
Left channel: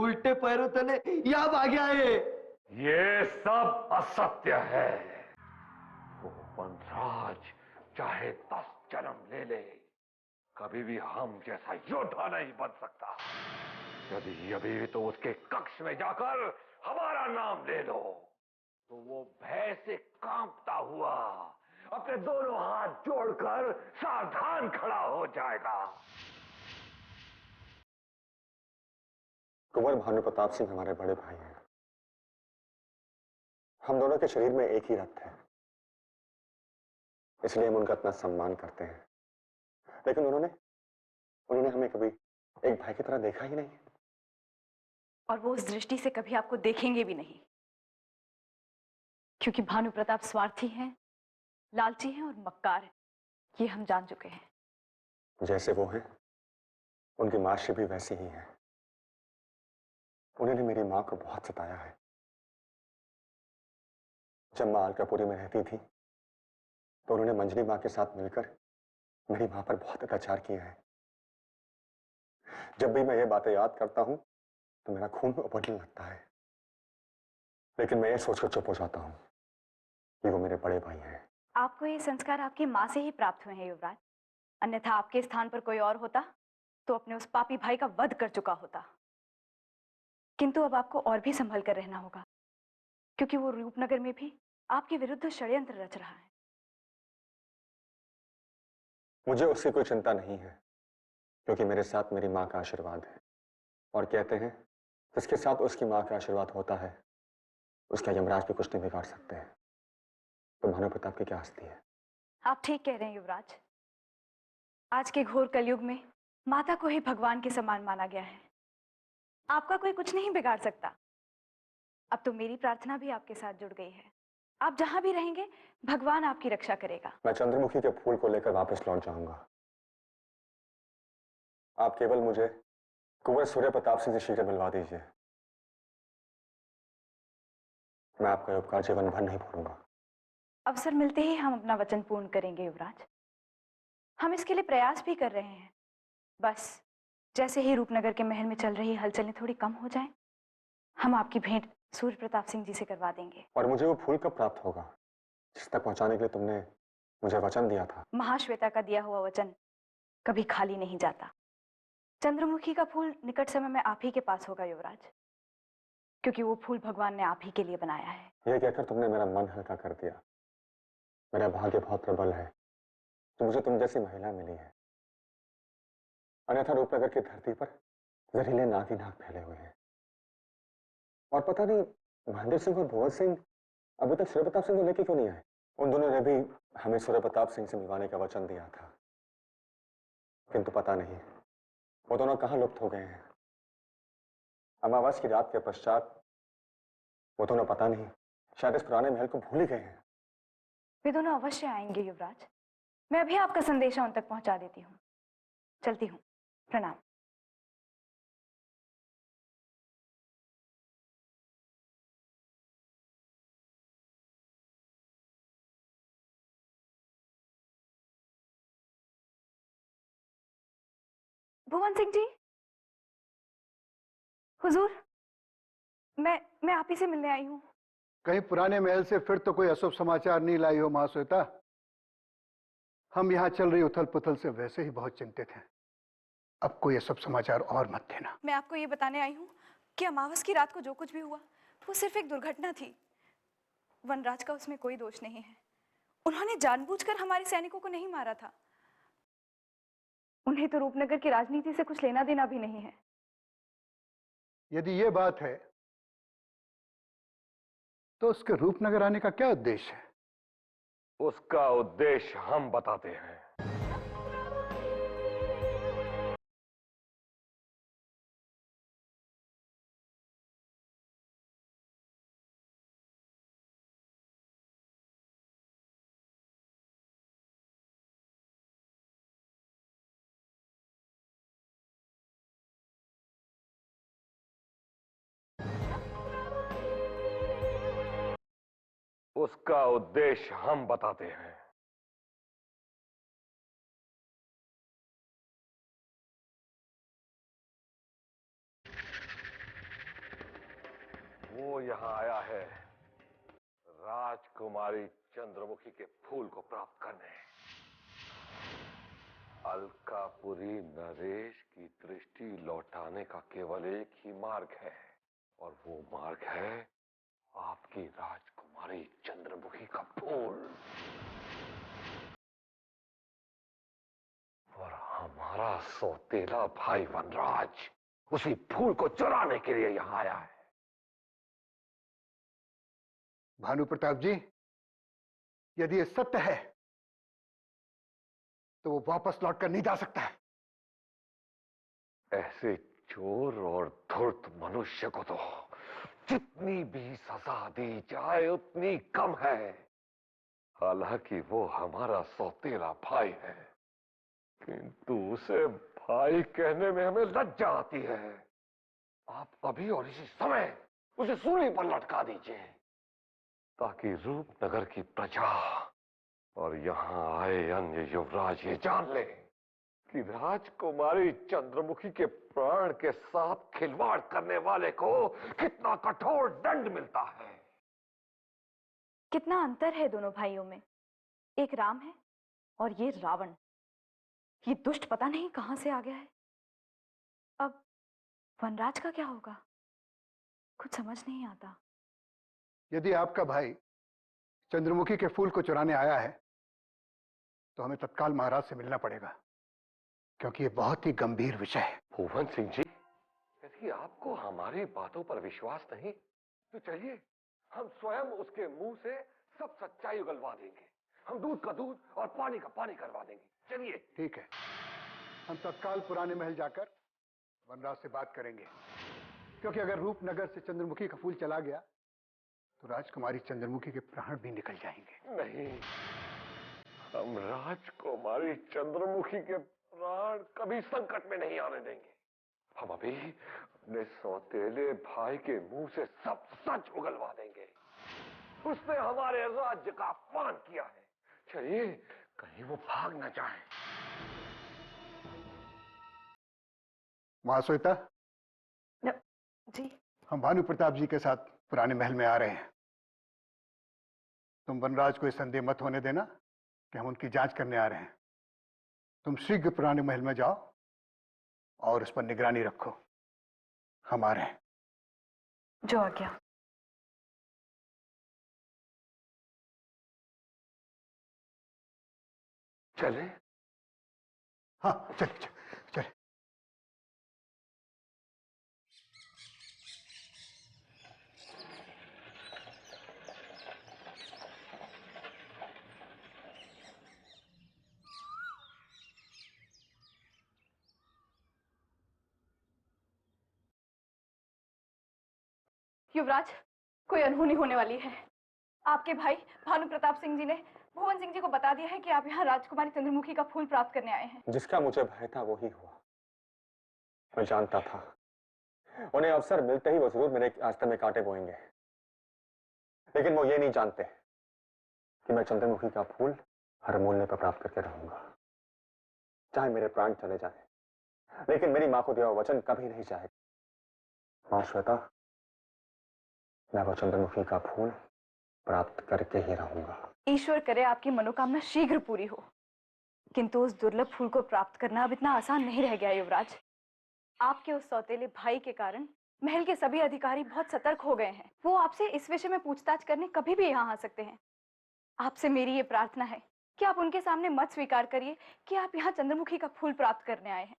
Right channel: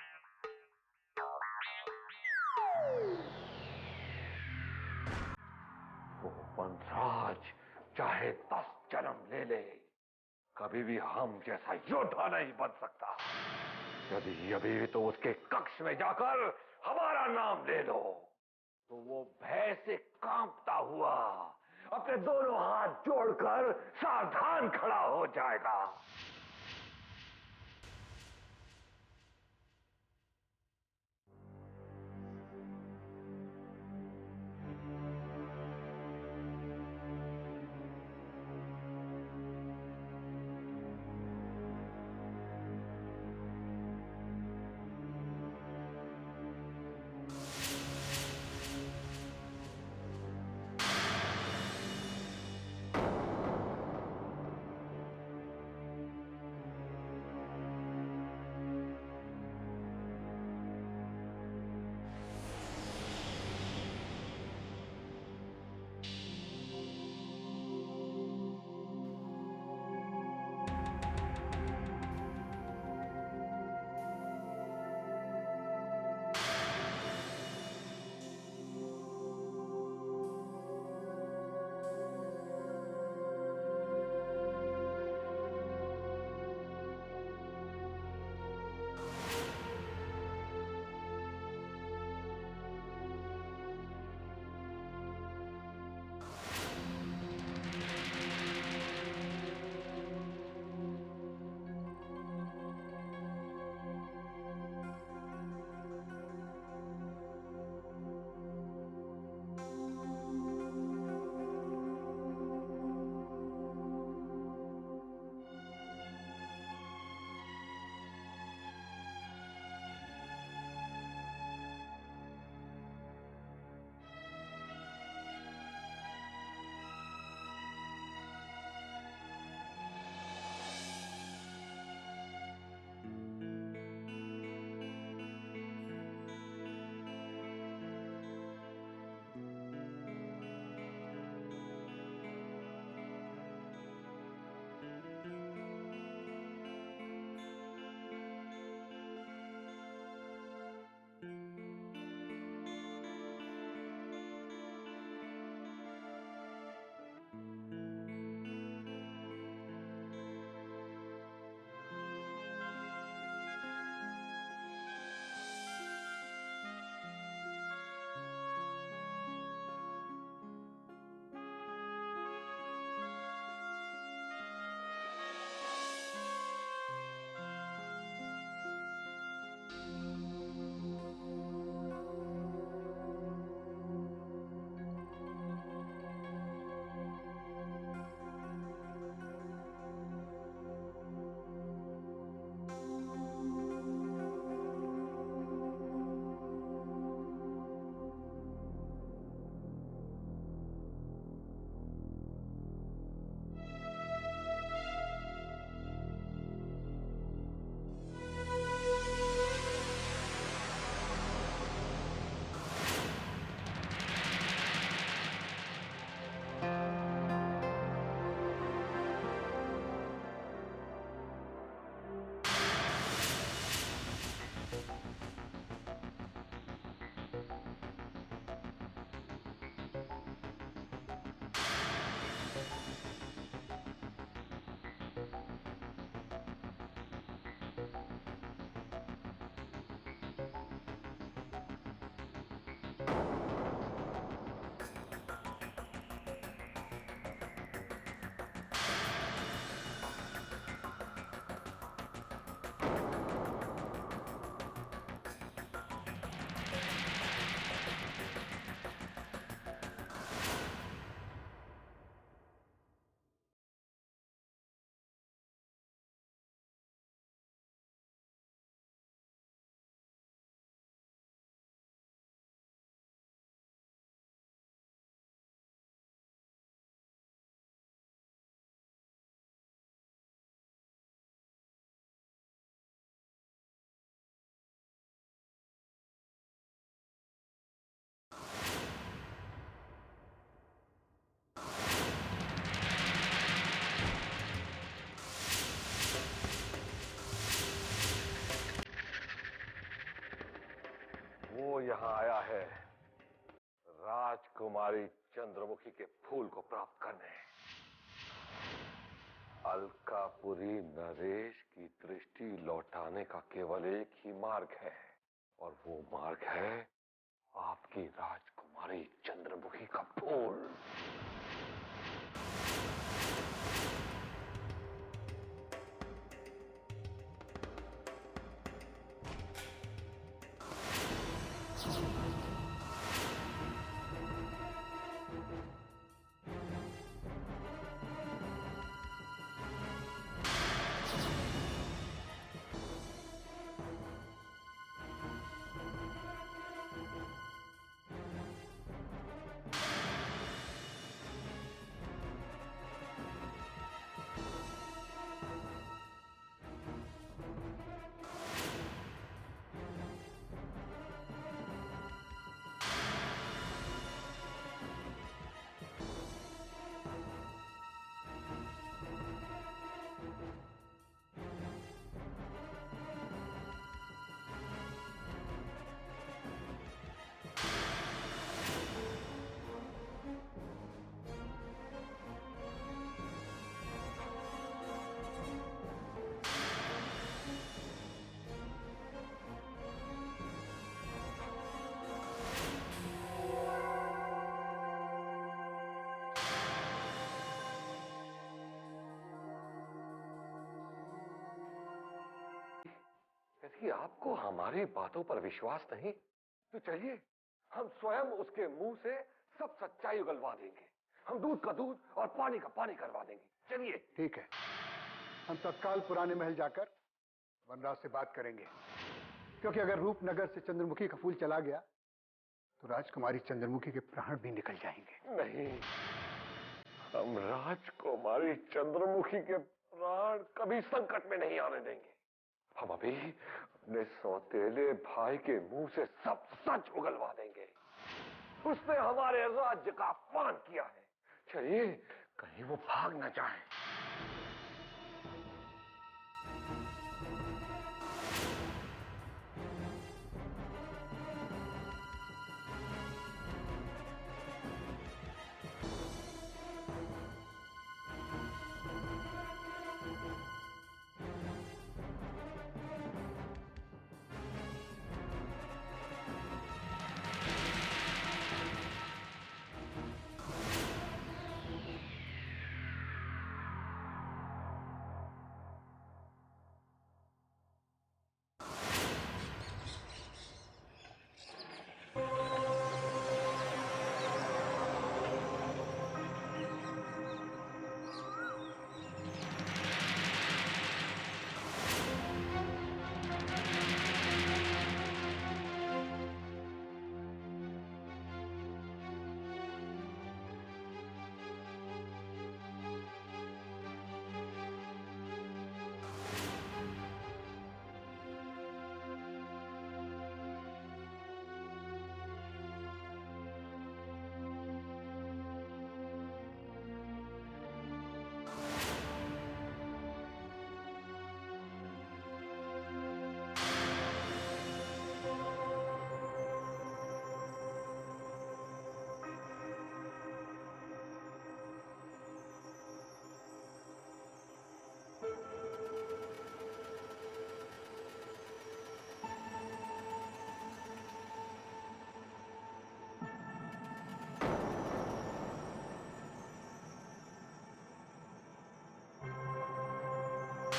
उल्टे पैरों तले यहाँ भागे आए। ये सब असत्य है। वो वनराज चाहे 10 जन्म ले ले, कभी भी हम जैसा योद्धा नहीं बन सकता। यदि अभी तो उसके कक्ष में जाकर हमारा नाम ले लो तो वो भय से कांपता हुआ अपने दोनों हाथ जोड़कर सावधान खड़ा हो जाएगा। कुंवर भानु प्रताप सिंह हमारे बड़े भाई हैं। हम दोनों के शरीर में एक ही रक्त है, इसलिए हम उनका इतना सम्मान करते हैं। लेकिन उन्होंने हमें कभी एक भाई की तरह देखा ही नहीं, और वो उस दृष्टि से कभी आपको देखेंगे भी नहीं, क्योंकि भानु प्रताप स्वार्थी हैं, लालची हैं और मक्कार हैं। ये हम जान चुके हैं। जैसे वो हैं, उनकी माशी भी वैसी ही है। उन्होंने मेरी माँ को बहुत सताया है। जब माँ अलकापुरी में रहती थी तो उन्होंने मंजरी माँ के साथ मिलकर मेरी माँ पर बहुत अत्याचार किए हैं। जब भी मैं ये बातें याद करता हूँ तो मेरा खून उबलने लगता है, लेकिन मैं ये सोचकर चुप हो जाता हूँ कि वो मेरे बड़े भाई हैं। आपको ये संस्कार आपकी माँ से ही प्राप्त हुए हैं युवराज, अन्यथा आपके स्थान पर कोई और होता तो अपने उस पापी भाई का वध कर चुका होता। किंतु अब आपको और भी संभल कर रहना होगा, क्योंकि वो रूपनगर में भी आपके विरुद्ध षड्यंत्र रच रहा है। मुझे उसकी कोई चिंता नहीं है, क्योंकि मेरे साथ मेरी माँ का आशीर्वाद है। और कहते हैं जिसके साथ उसकी माँ का आशीर्वाद होता है उसका यमराज भी कुछ नहीं बिगाड़ सकते हैं। तो भानु प्रताप की क्या हस्ती है। आप ठीक कह रहे हैं युवराज। आज के घोर कलयुग में माता को ही भगवान के समान माना गया है। आपका कोई कुछ नहीं बिगाड़ सकता। अब तो मेरी प्रार्थना भी आपके साथ जुड़ गई है। आप जहां भी रहेंगे भगवान आपकी रक्षा करेगा। मैं चंद्रमुखी के फूल को लेकर वापस लौट जाऊंगा। आप केवल मुझे कुंवर सूर्य प्रताप सिंह से शीघ्र मिलवा दीजिए। मैं आपका उपकार जीवन भर नहीं भूलूंगा। अवसर मिलते ही हम अपना वचन पूर्ण करेंगे युवराज। हम इसके लिए प्रयास भी कर रहे हैं। बस जैसे ही रूपनगर के महल में चल रही हलचलें थोड़ी कम हो जाएं, हम आपकी भेंट सूर्य प्रताप सिंह जी से करवा देंगे। और मुझे वो फूल कब प्राप्त होगा जिस तक पहुंचाने के लिए तुमने मुझे वचन दिया था? महाश्वेता का दिया हुआ वचन कभी खाली नहीं जाता। चंद्रमुखी का फूल निकट समय में आप ही के पास होगा युवराज, क्योंकि वो फूल भगवान ने आप ही के लिए बनाया है। ये कहकर तुमने मेरा मन हल्का कर दिया। मेरा भाग्य बहुत प्रबल है कि मुझे तुम जैसी महिला मिली है। अन्यथा रूपनगर की धरती पर जहरीले नाग ही नाग फैले हुए हैं। और पता नहीं महेंद्र सिंह और भुवन सिंह अभी तक सूर्य प्रताप सिंह को लेके क्यों नहीं आए। उन दोनों ने भी हमें सूर्य प्रताप सिंह से मिलवाने का वचन दिया था, किंतु पता नहीं वो दोनों कहाँ लुप्त हो गए हैं। अमावस की रात के पश्चात वो दोनों पता नहीं शायद इस पुराने महल को भूल ही गए हैं। वे दोनों अवश्य आएंगे युवराज। मैं अभी आपका संदेशा उन तक पहुंचा देती हूँ। चलती हूँ। प्रणाम। भुवन सिंह जी, हुजूर, मैं आप ही से मिलने आई हूँ। कहीं पुराने महल से फिर तो कोई अशुभ समाचार नहीं लाई हो महाश्वेता? हम यहाँ चल रही उथल पुथल से वैसे ही बहुत चिंतित हैं। अब कोई अशुभ समाचार और मत देना। मैं आपको ये बताने आई हूँ कि अमावस की रात को जो कुछ भी हुआ वो सिर्फ एक दुर्घटना थी। वनराज का उसमें कोई दोष नहीं है। उन्होंने जानबूझकर हमारे सैनिकों को नहीं मारा था। उन्हें तो रूपनगर की राजनीति से कुछ लेना देना भी नहीं है। यदि ये बात है तो उसके रूपनगर आने का क्या उद्देश्य है? उसका उद्देश्य हम बताते हैं। उसका उद्देश्य हम बताते हैं। वो यहाँ आया है राजकुमारी चंद्रमुखी के फूल को प्राप्त करने। अलकापुरी नरेश की दृष्टि लौटाने का केवल एक ही मार्ग है, और वो मार्ग है आपकी राजकुमारी चंद्रमुखी का फूल। और हमारा सौतेला भाई वनराज उसी फूल को चुराने के लिए यहाँ आया है। भानु प्रताप जी, यदि ये सत्य है तो वो वापस लौटकर नहीं जा सकता है। ऐसे चोर और धूर्त मनुष्य को तो जितनी भी सजा दी जाए उतनी कम है। हालांकि वो हमारा सौतेला भाई है, किंतु उसे भाई कहने में हमें लज्जा आती है। आप अभी और इसी समय उसे सूली पर लटका दीजिए, ताकि रूपनगर की प्रजा और यहाँ आए अन्य युवराज ये जान ले कि राजकुमारी चंद्रमुखी के प्राण के साथ खिलवाड़ करने वाले को कितना कठोर दंड मिलता है। कितना अंतर है दोनों भाइयों में। एक राम है और ये रावण। ये दुष्ट पता नहीं कहां से आ गया है। अब वनराज का क्या होगा? समझ नहीं आता। यदि आपका भाई चंद्रमुखी के फूल को चुराने आया है तो हमें तत्काल महाराज से मिलना पड़ेगा, क्योंकि ये बहुत ही गंभीर विषय है। भुवन सिंह जी, यदि आपको हमारी बातों पर विश्वास नहीं तो चलिए हम स्वयं उसके मुंह से सब सच्चाई उगलवा देंगे। हम दूध का दूध और पानी का पानी करवा देंगे। चलिए। ठीक है, हम तत्काल पुराने महल जाकर वनराज से बात करेंगे, क्योंकि अगर रूपनगर से चंद्रमुखी का फूल चला गया तो राजकुमारी चंद्रमुखी के प्राण भी निकल जाएंगे। नहीं, हम राजकुमारी चंद्रमुखी के प्राण कभी संकट में नहीं आने देंगे। हम अभी अपने सौतेले भाई के मुंह से सब सच उगलवा देंगे। उसने हमारे राज्य का अपमान किया है। चलिए, कहीं वो भाग न जाए। महाश्वेता, जी। हम भानु प्रताप जी के साथ पुराने महल में आ रहे हैं। तुम वनराज को ये संदेह मत होने देना कि हम उनकी जांच करने आ रहे हैं। तुम शीघ्र पुराने महल में जाओ और उस पर निगरानी रखो। हम आ रहे हैं। जो आज्ञा। चले? हाँ, चले चले। युवराज, कोई अनहोनी होने वाली है। आपके भाई भानु प्रताप सिंह जी ने भुवन सिंह जी को बता दिया है कि आप यहाँ राजकुमारी चंद्रमुखी का फूल प्राप्त करने आए हैं। जिसका मुझे भय था वही मैं जानता था। उन्हें अवसर मिलते ही वो जरूर मेरे रास्ते में कांटे बोएंगे, लेकिन वो ये नहीं जानते कि मैं चंद्रमुखी का फूल हर मूल्य पर प्राप्त करके रहूंगा, चाहे मेरे प्राण चले जाए। लेकिन मेरी मां को दिया हुआ वचन कभी नहीं जाए। मां श्वेता, मैं वो चंद्रमुखी का फूल प्राप्त करके ही रहूंगा। ईश्वर करे आपकी मनोकामना शीघ्र पूरी हो, किंतु उस दुर्लभ फूल को प्राप्त करना अब इतना आसान नहीं रह गया युवराज। आपके उस सौतेले भाई के कारण महल के सभी अधिकारी बहुत सतर्क हो गए हैं। वो आपसे इस विषय में पूछताछ करने कभी भी यहाँ आ सकते हैं। आपसे मेरी ये प्रार्थना है कि आप उनके सामने मत स्वीकार करिए कि आप यहाँ चंद्रमुखी का फूल प्राप्त करने आए हैं,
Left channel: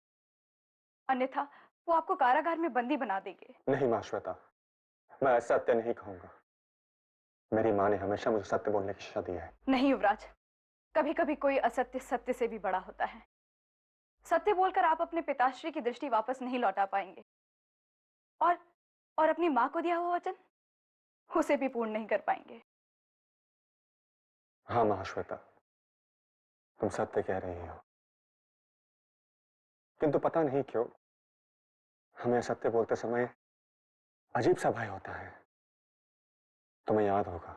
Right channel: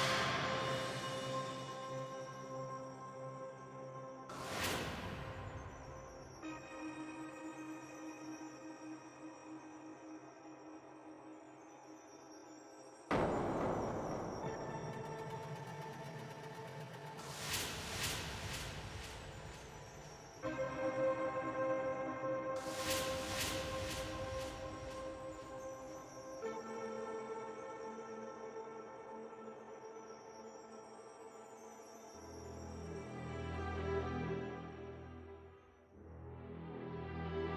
अन्यथा वो आपको कारागार में बंदी बना देंगे। नहीं मां श्वेता, मैं ऐसा सत्य नहीं कहूंगा। मेरी मां ने हमेशा मुझे सत्य बोलने की शिक्षा दी है। नहीं युवराज, कभी कभी कोई असत्य सत्य से भी बड़ा होता है। सत्य बोलकर आप अपने पिताश्री की दृष्टि वापस नहीं लौटा पाएंगे, और अपनी मां को दिया हुआ वचन उसे भी पूर्ण नहीं कर पाएंगे। हाँ मां श्वेता, तुम सत्य कह रही हो, किंतु पता नहीं क्यों हमें सत्य बोलते समय अजीब सा भय होता है। तुम्हें याद होगा,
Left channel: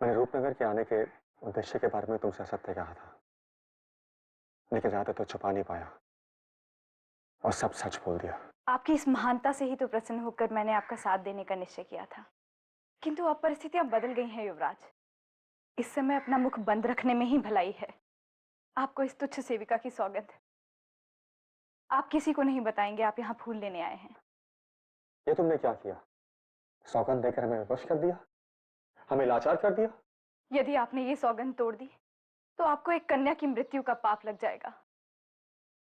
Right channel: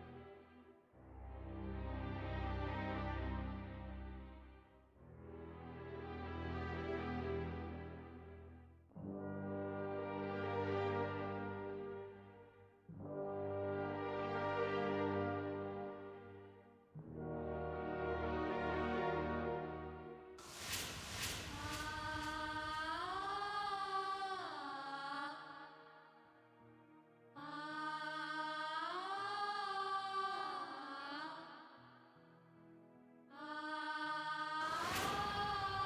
मैंने रूपनगर के आने के उद्देश्य के बारे में तुमसे सत्य कहा था, लेकिन ज्यादा तो छुपा नहीं पाया और सब सच बोल दिया। आपकी इस महानता से ही तो प्रसन्न होकर मैंने आपका साथ देने का निश्चय किया था, किंतु अब परिस्थितियां बदल गई हैं युवराज। इस समय अपना मुख बंद रखने में ही भलाई है। आपको इस तुच्छ सेविका की सौगंध आप किसी को नहीं बताएंगे आप यहाँ फूल लेने आए हैं। ये तुमने क्या किया? सौगंध देकर हमें विवश कर दिया, हमें लाचार कर दिया। यदि आपने ये सौगंध तोड़ दी तो आपको एक कन्या की मृत्यु का पाप लग जाएगा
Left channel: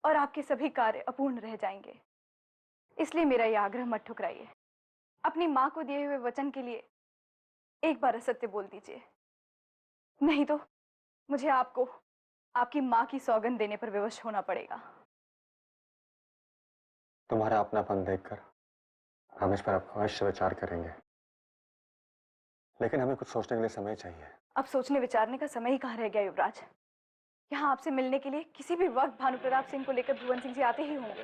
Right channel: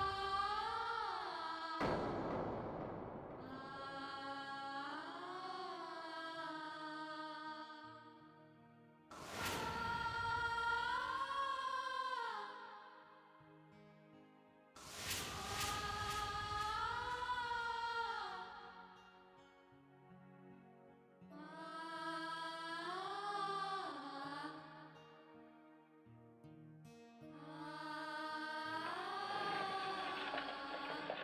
और आपके सभी कार्य अपूर्ण रह जाएंगे। इसलिए मेरा यह आग्रह मत ठुकराइए। अपनी माँ को दिए हुए वचन के लिए एक बार असत्य बोल दीजिए, नहीं तो मुझे आपको आपकी माँ की सौगंध देने पर विवश होना पड़ेगा। तुम्हारा अपनापन देखकर हम इस पर अवश्य विचार करेंगे, लेकिन हमें कुछ सोचने के लिए समय चाहिए। अब सोचने विचारने का समय ही कहाँ रह गया युवराज। यहाँ आपसे मिलने के लिए किसी भी वक्त भानु प्रताप सिंह को लेकर भुवन सिंह जी आते ही होंगे।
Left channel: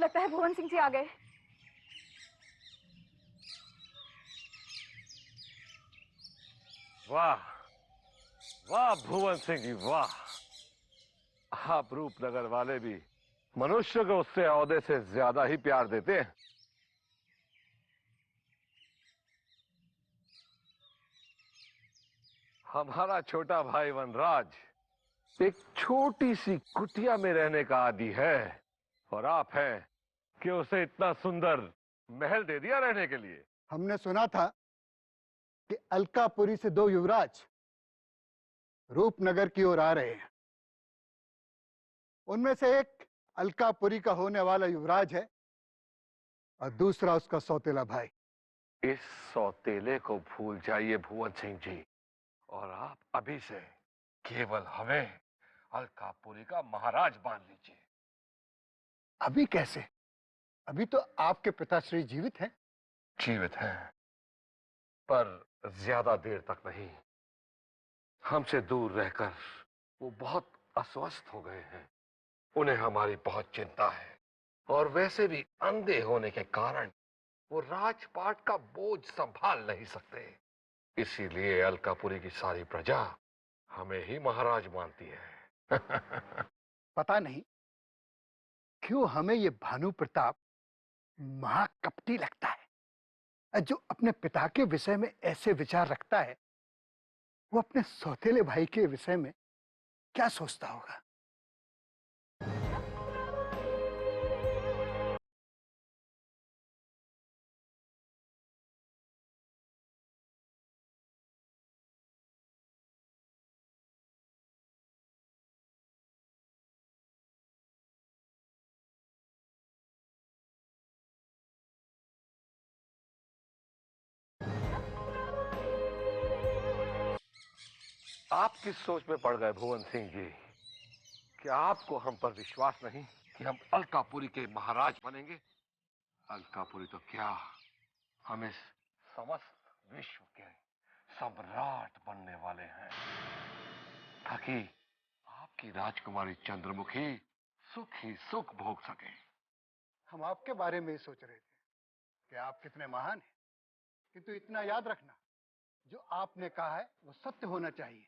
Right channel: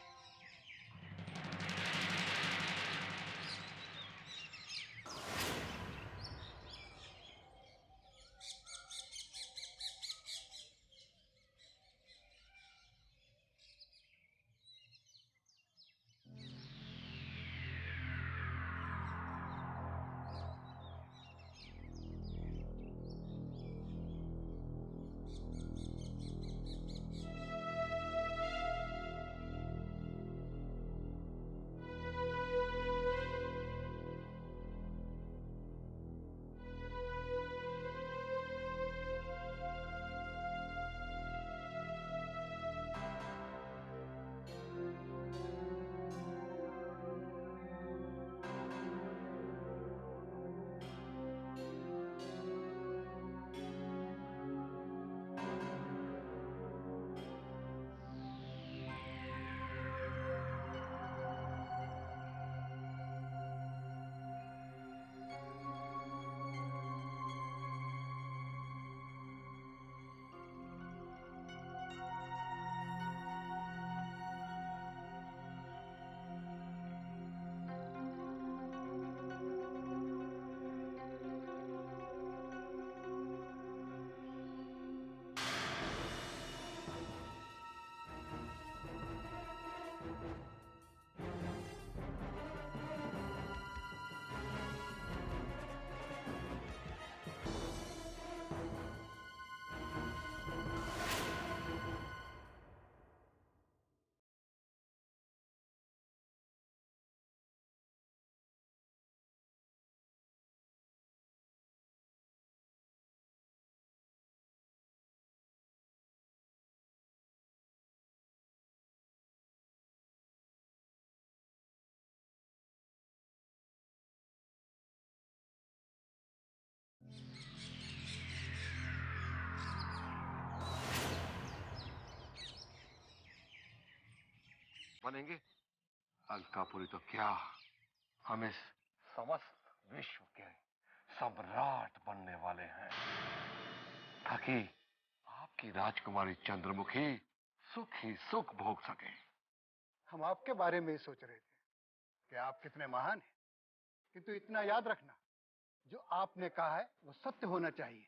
लगता है भुवन सिंह जी आ गए। वाह वाह भुवन सिंह जी वाह, आप रूपनगर वाले भी मनुष्य को उससे औहदे से ज्यादा ही प्यार देते हैं। हमारा छोटा भाई वनराज एक छोटी सी कुटिया में रहने का आदी है, और आप हैं कि उसे इतना सुंदर महल दे दिया रहने के लिए। हमने सुना था कि अलकापुरी से 2 युवराज रूपनगर की ओर आ रहे हैं। उनमें से एक अलकापुरी का होने वाला युवराज है और दूसरा उसका सौतेला भाई। इस सौतेले को भूल जाइए भुवन सिंह जी, और आप अभी से केवल हमें अलकापुरी का महाराज मान लीजिए। अभी कैसे? अभी तो आपके पिताश्री जीवित हैं। जीवित हैं, पर ज्यादा देर तक नहीं। हमसे दूर रहकर वो बहुत अस्वस्थ हो गए हैं। उन्हें हमारी बहुत चिंता है, और वैसे भी अंधे होने के कारण वो राजपाट का बोझ संभाल नहीं सकते। इसीलिए अलकापुरी की सारी प्रजा हमें ही महाराज मानती है। पता नहीं क्यों हमें ये भानु प्रताप महाकपटी लगता है। जो अपने पिता के विषय में ऐसे विचार रखता है, वो अपने सौतेले भाई के विषय में क्या सोचता होगा? आप किस सोच में पड़ गए भुवन सिंह जी? क्या आपको हम पर विश्वास नहीं कि हम अलकापुरी के महाराज बनेंगे? अलकापुरी तो क्या, हम इस समस्त विश्व के सम्राट बनने वाले हैं, ताकि आपकी राजकुमारी चंद्रमुखी सुख ही सुख भोग सके। हम आपके बारे में ही सोच रहे थे कि आप कितने महान हैं, किंतु इतना याद रखना, जो आपने कहा है वो सत्य होना चाहिए।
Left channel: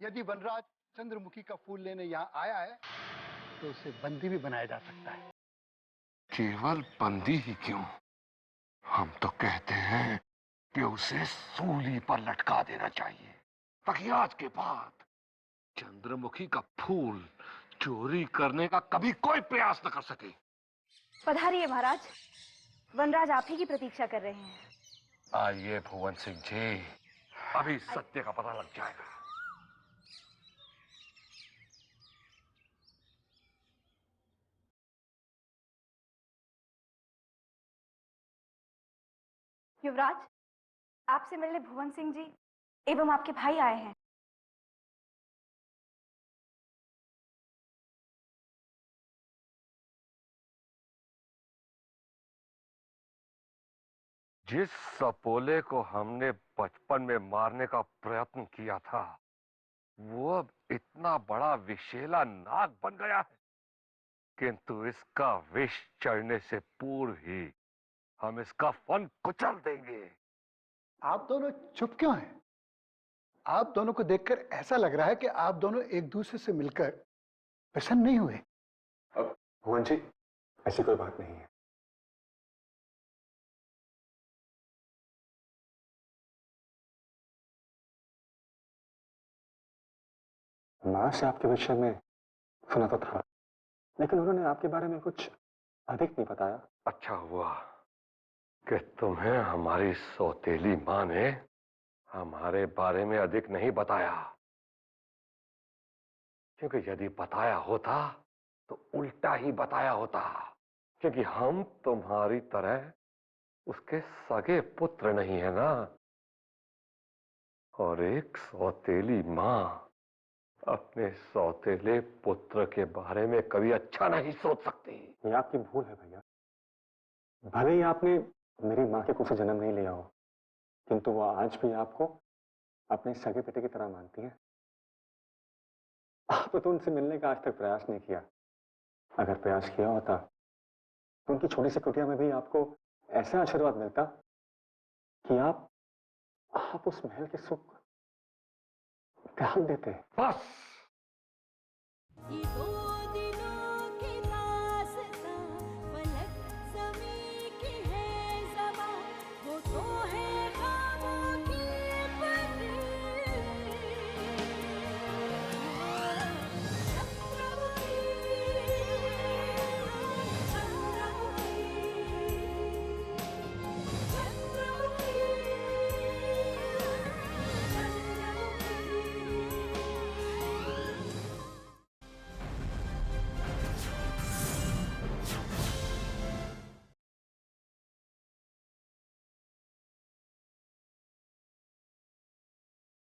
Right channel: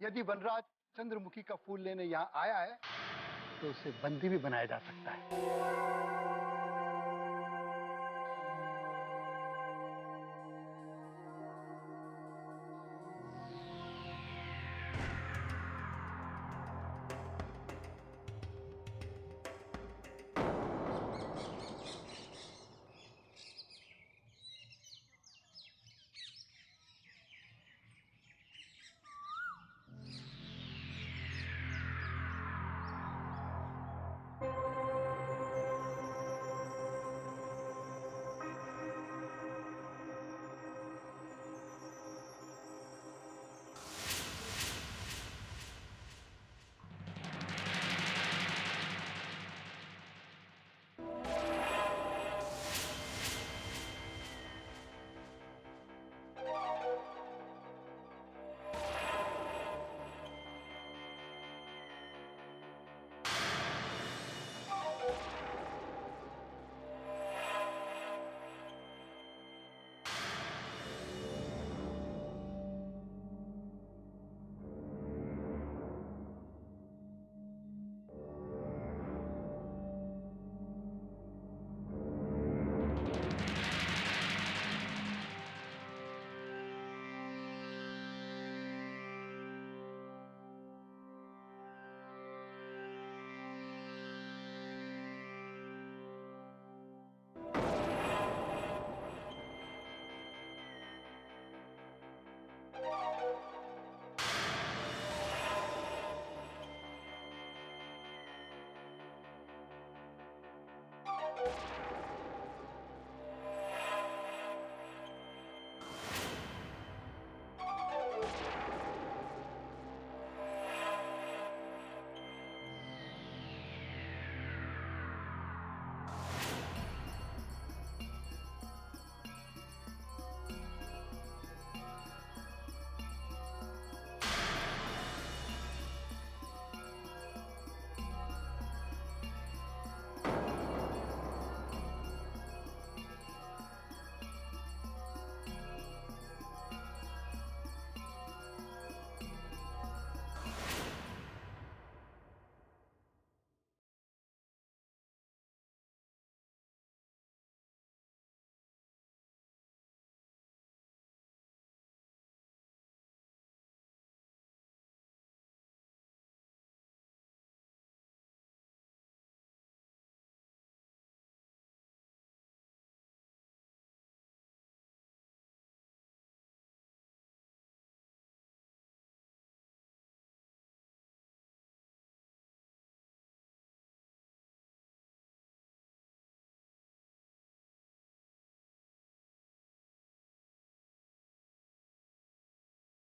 यदि वनराज चंद्रमुखी का फूल लेने यहाँ आया है, तो उसे बंदी भी बनाया जा सकता है। केवल बंदी ही क्यों, हम तो कहते हैं कि उसे सूली पर लटका देना चाहिए, ताकि आज के बाद चंद्रमुखी का फूल चोरी करने का कभी कोई प्रयास न कर सके। पधारिए महाराज, वनराज आप ही की प्रतीक्षा कर रहे हैं। आइए भुवन सिंह जी, अभी सत्य का पता लग जाएगा। युवराज, आपसे मिलने भुवन सिंह जी एवं आपके भाई आए हैं। जिस सपोले को हमने बचपन में मारने का प्रयत्न किया था, वो अब इतना बड़ा विषैला नाग बन गया, किंतु इसका विष चढ़ने से पूर्व ही हम इसका फन कुचल देंगे। आप दोनों चुप क्यों हैं? आप दोनों को देखकर ऐसा लग रहा है कि आप दोनों एक दूसरे से मिलकर प्रसन्न नहीं हुए। अब भुवन जी, ऐसी कोई बात नहीं है। मां से आपके विषय में सुना तो था, लेकिन उन्होंने आपके बारे में कुछ अधिक नहीं बताया। अच्छा हुआ कि तुम्हें हमारी सौतेली मां ने हमारे बारे में अधिक नहीं बताया, क्योंकि यदि बताया होता तो उल्टा ही बताया होता, क्योंकि हम तुम्हारी तरह उसके सगे पुत्र नहीं है ना। और एक सौतेली मां अपने सौतेले पुत्र के बारे में कभी अच्छा नहीं सोच सकती। ये आपकी भूल है। भले ही आपने मेरी माँ के कुछ जन्म नहीं लिया हो, किंतु वो आज भी आपको अपने सगे पिता की तरह मानती है। आपने तो उनसे मिलने का आज तक प्रयास नहीं किया। अगर प्रयास किया होता तो उनकी छोटी सी कुटिया में भी आपको ऐसा आशीर्वाद मिलता कि आप उस महल के सुख त्याग देते। बस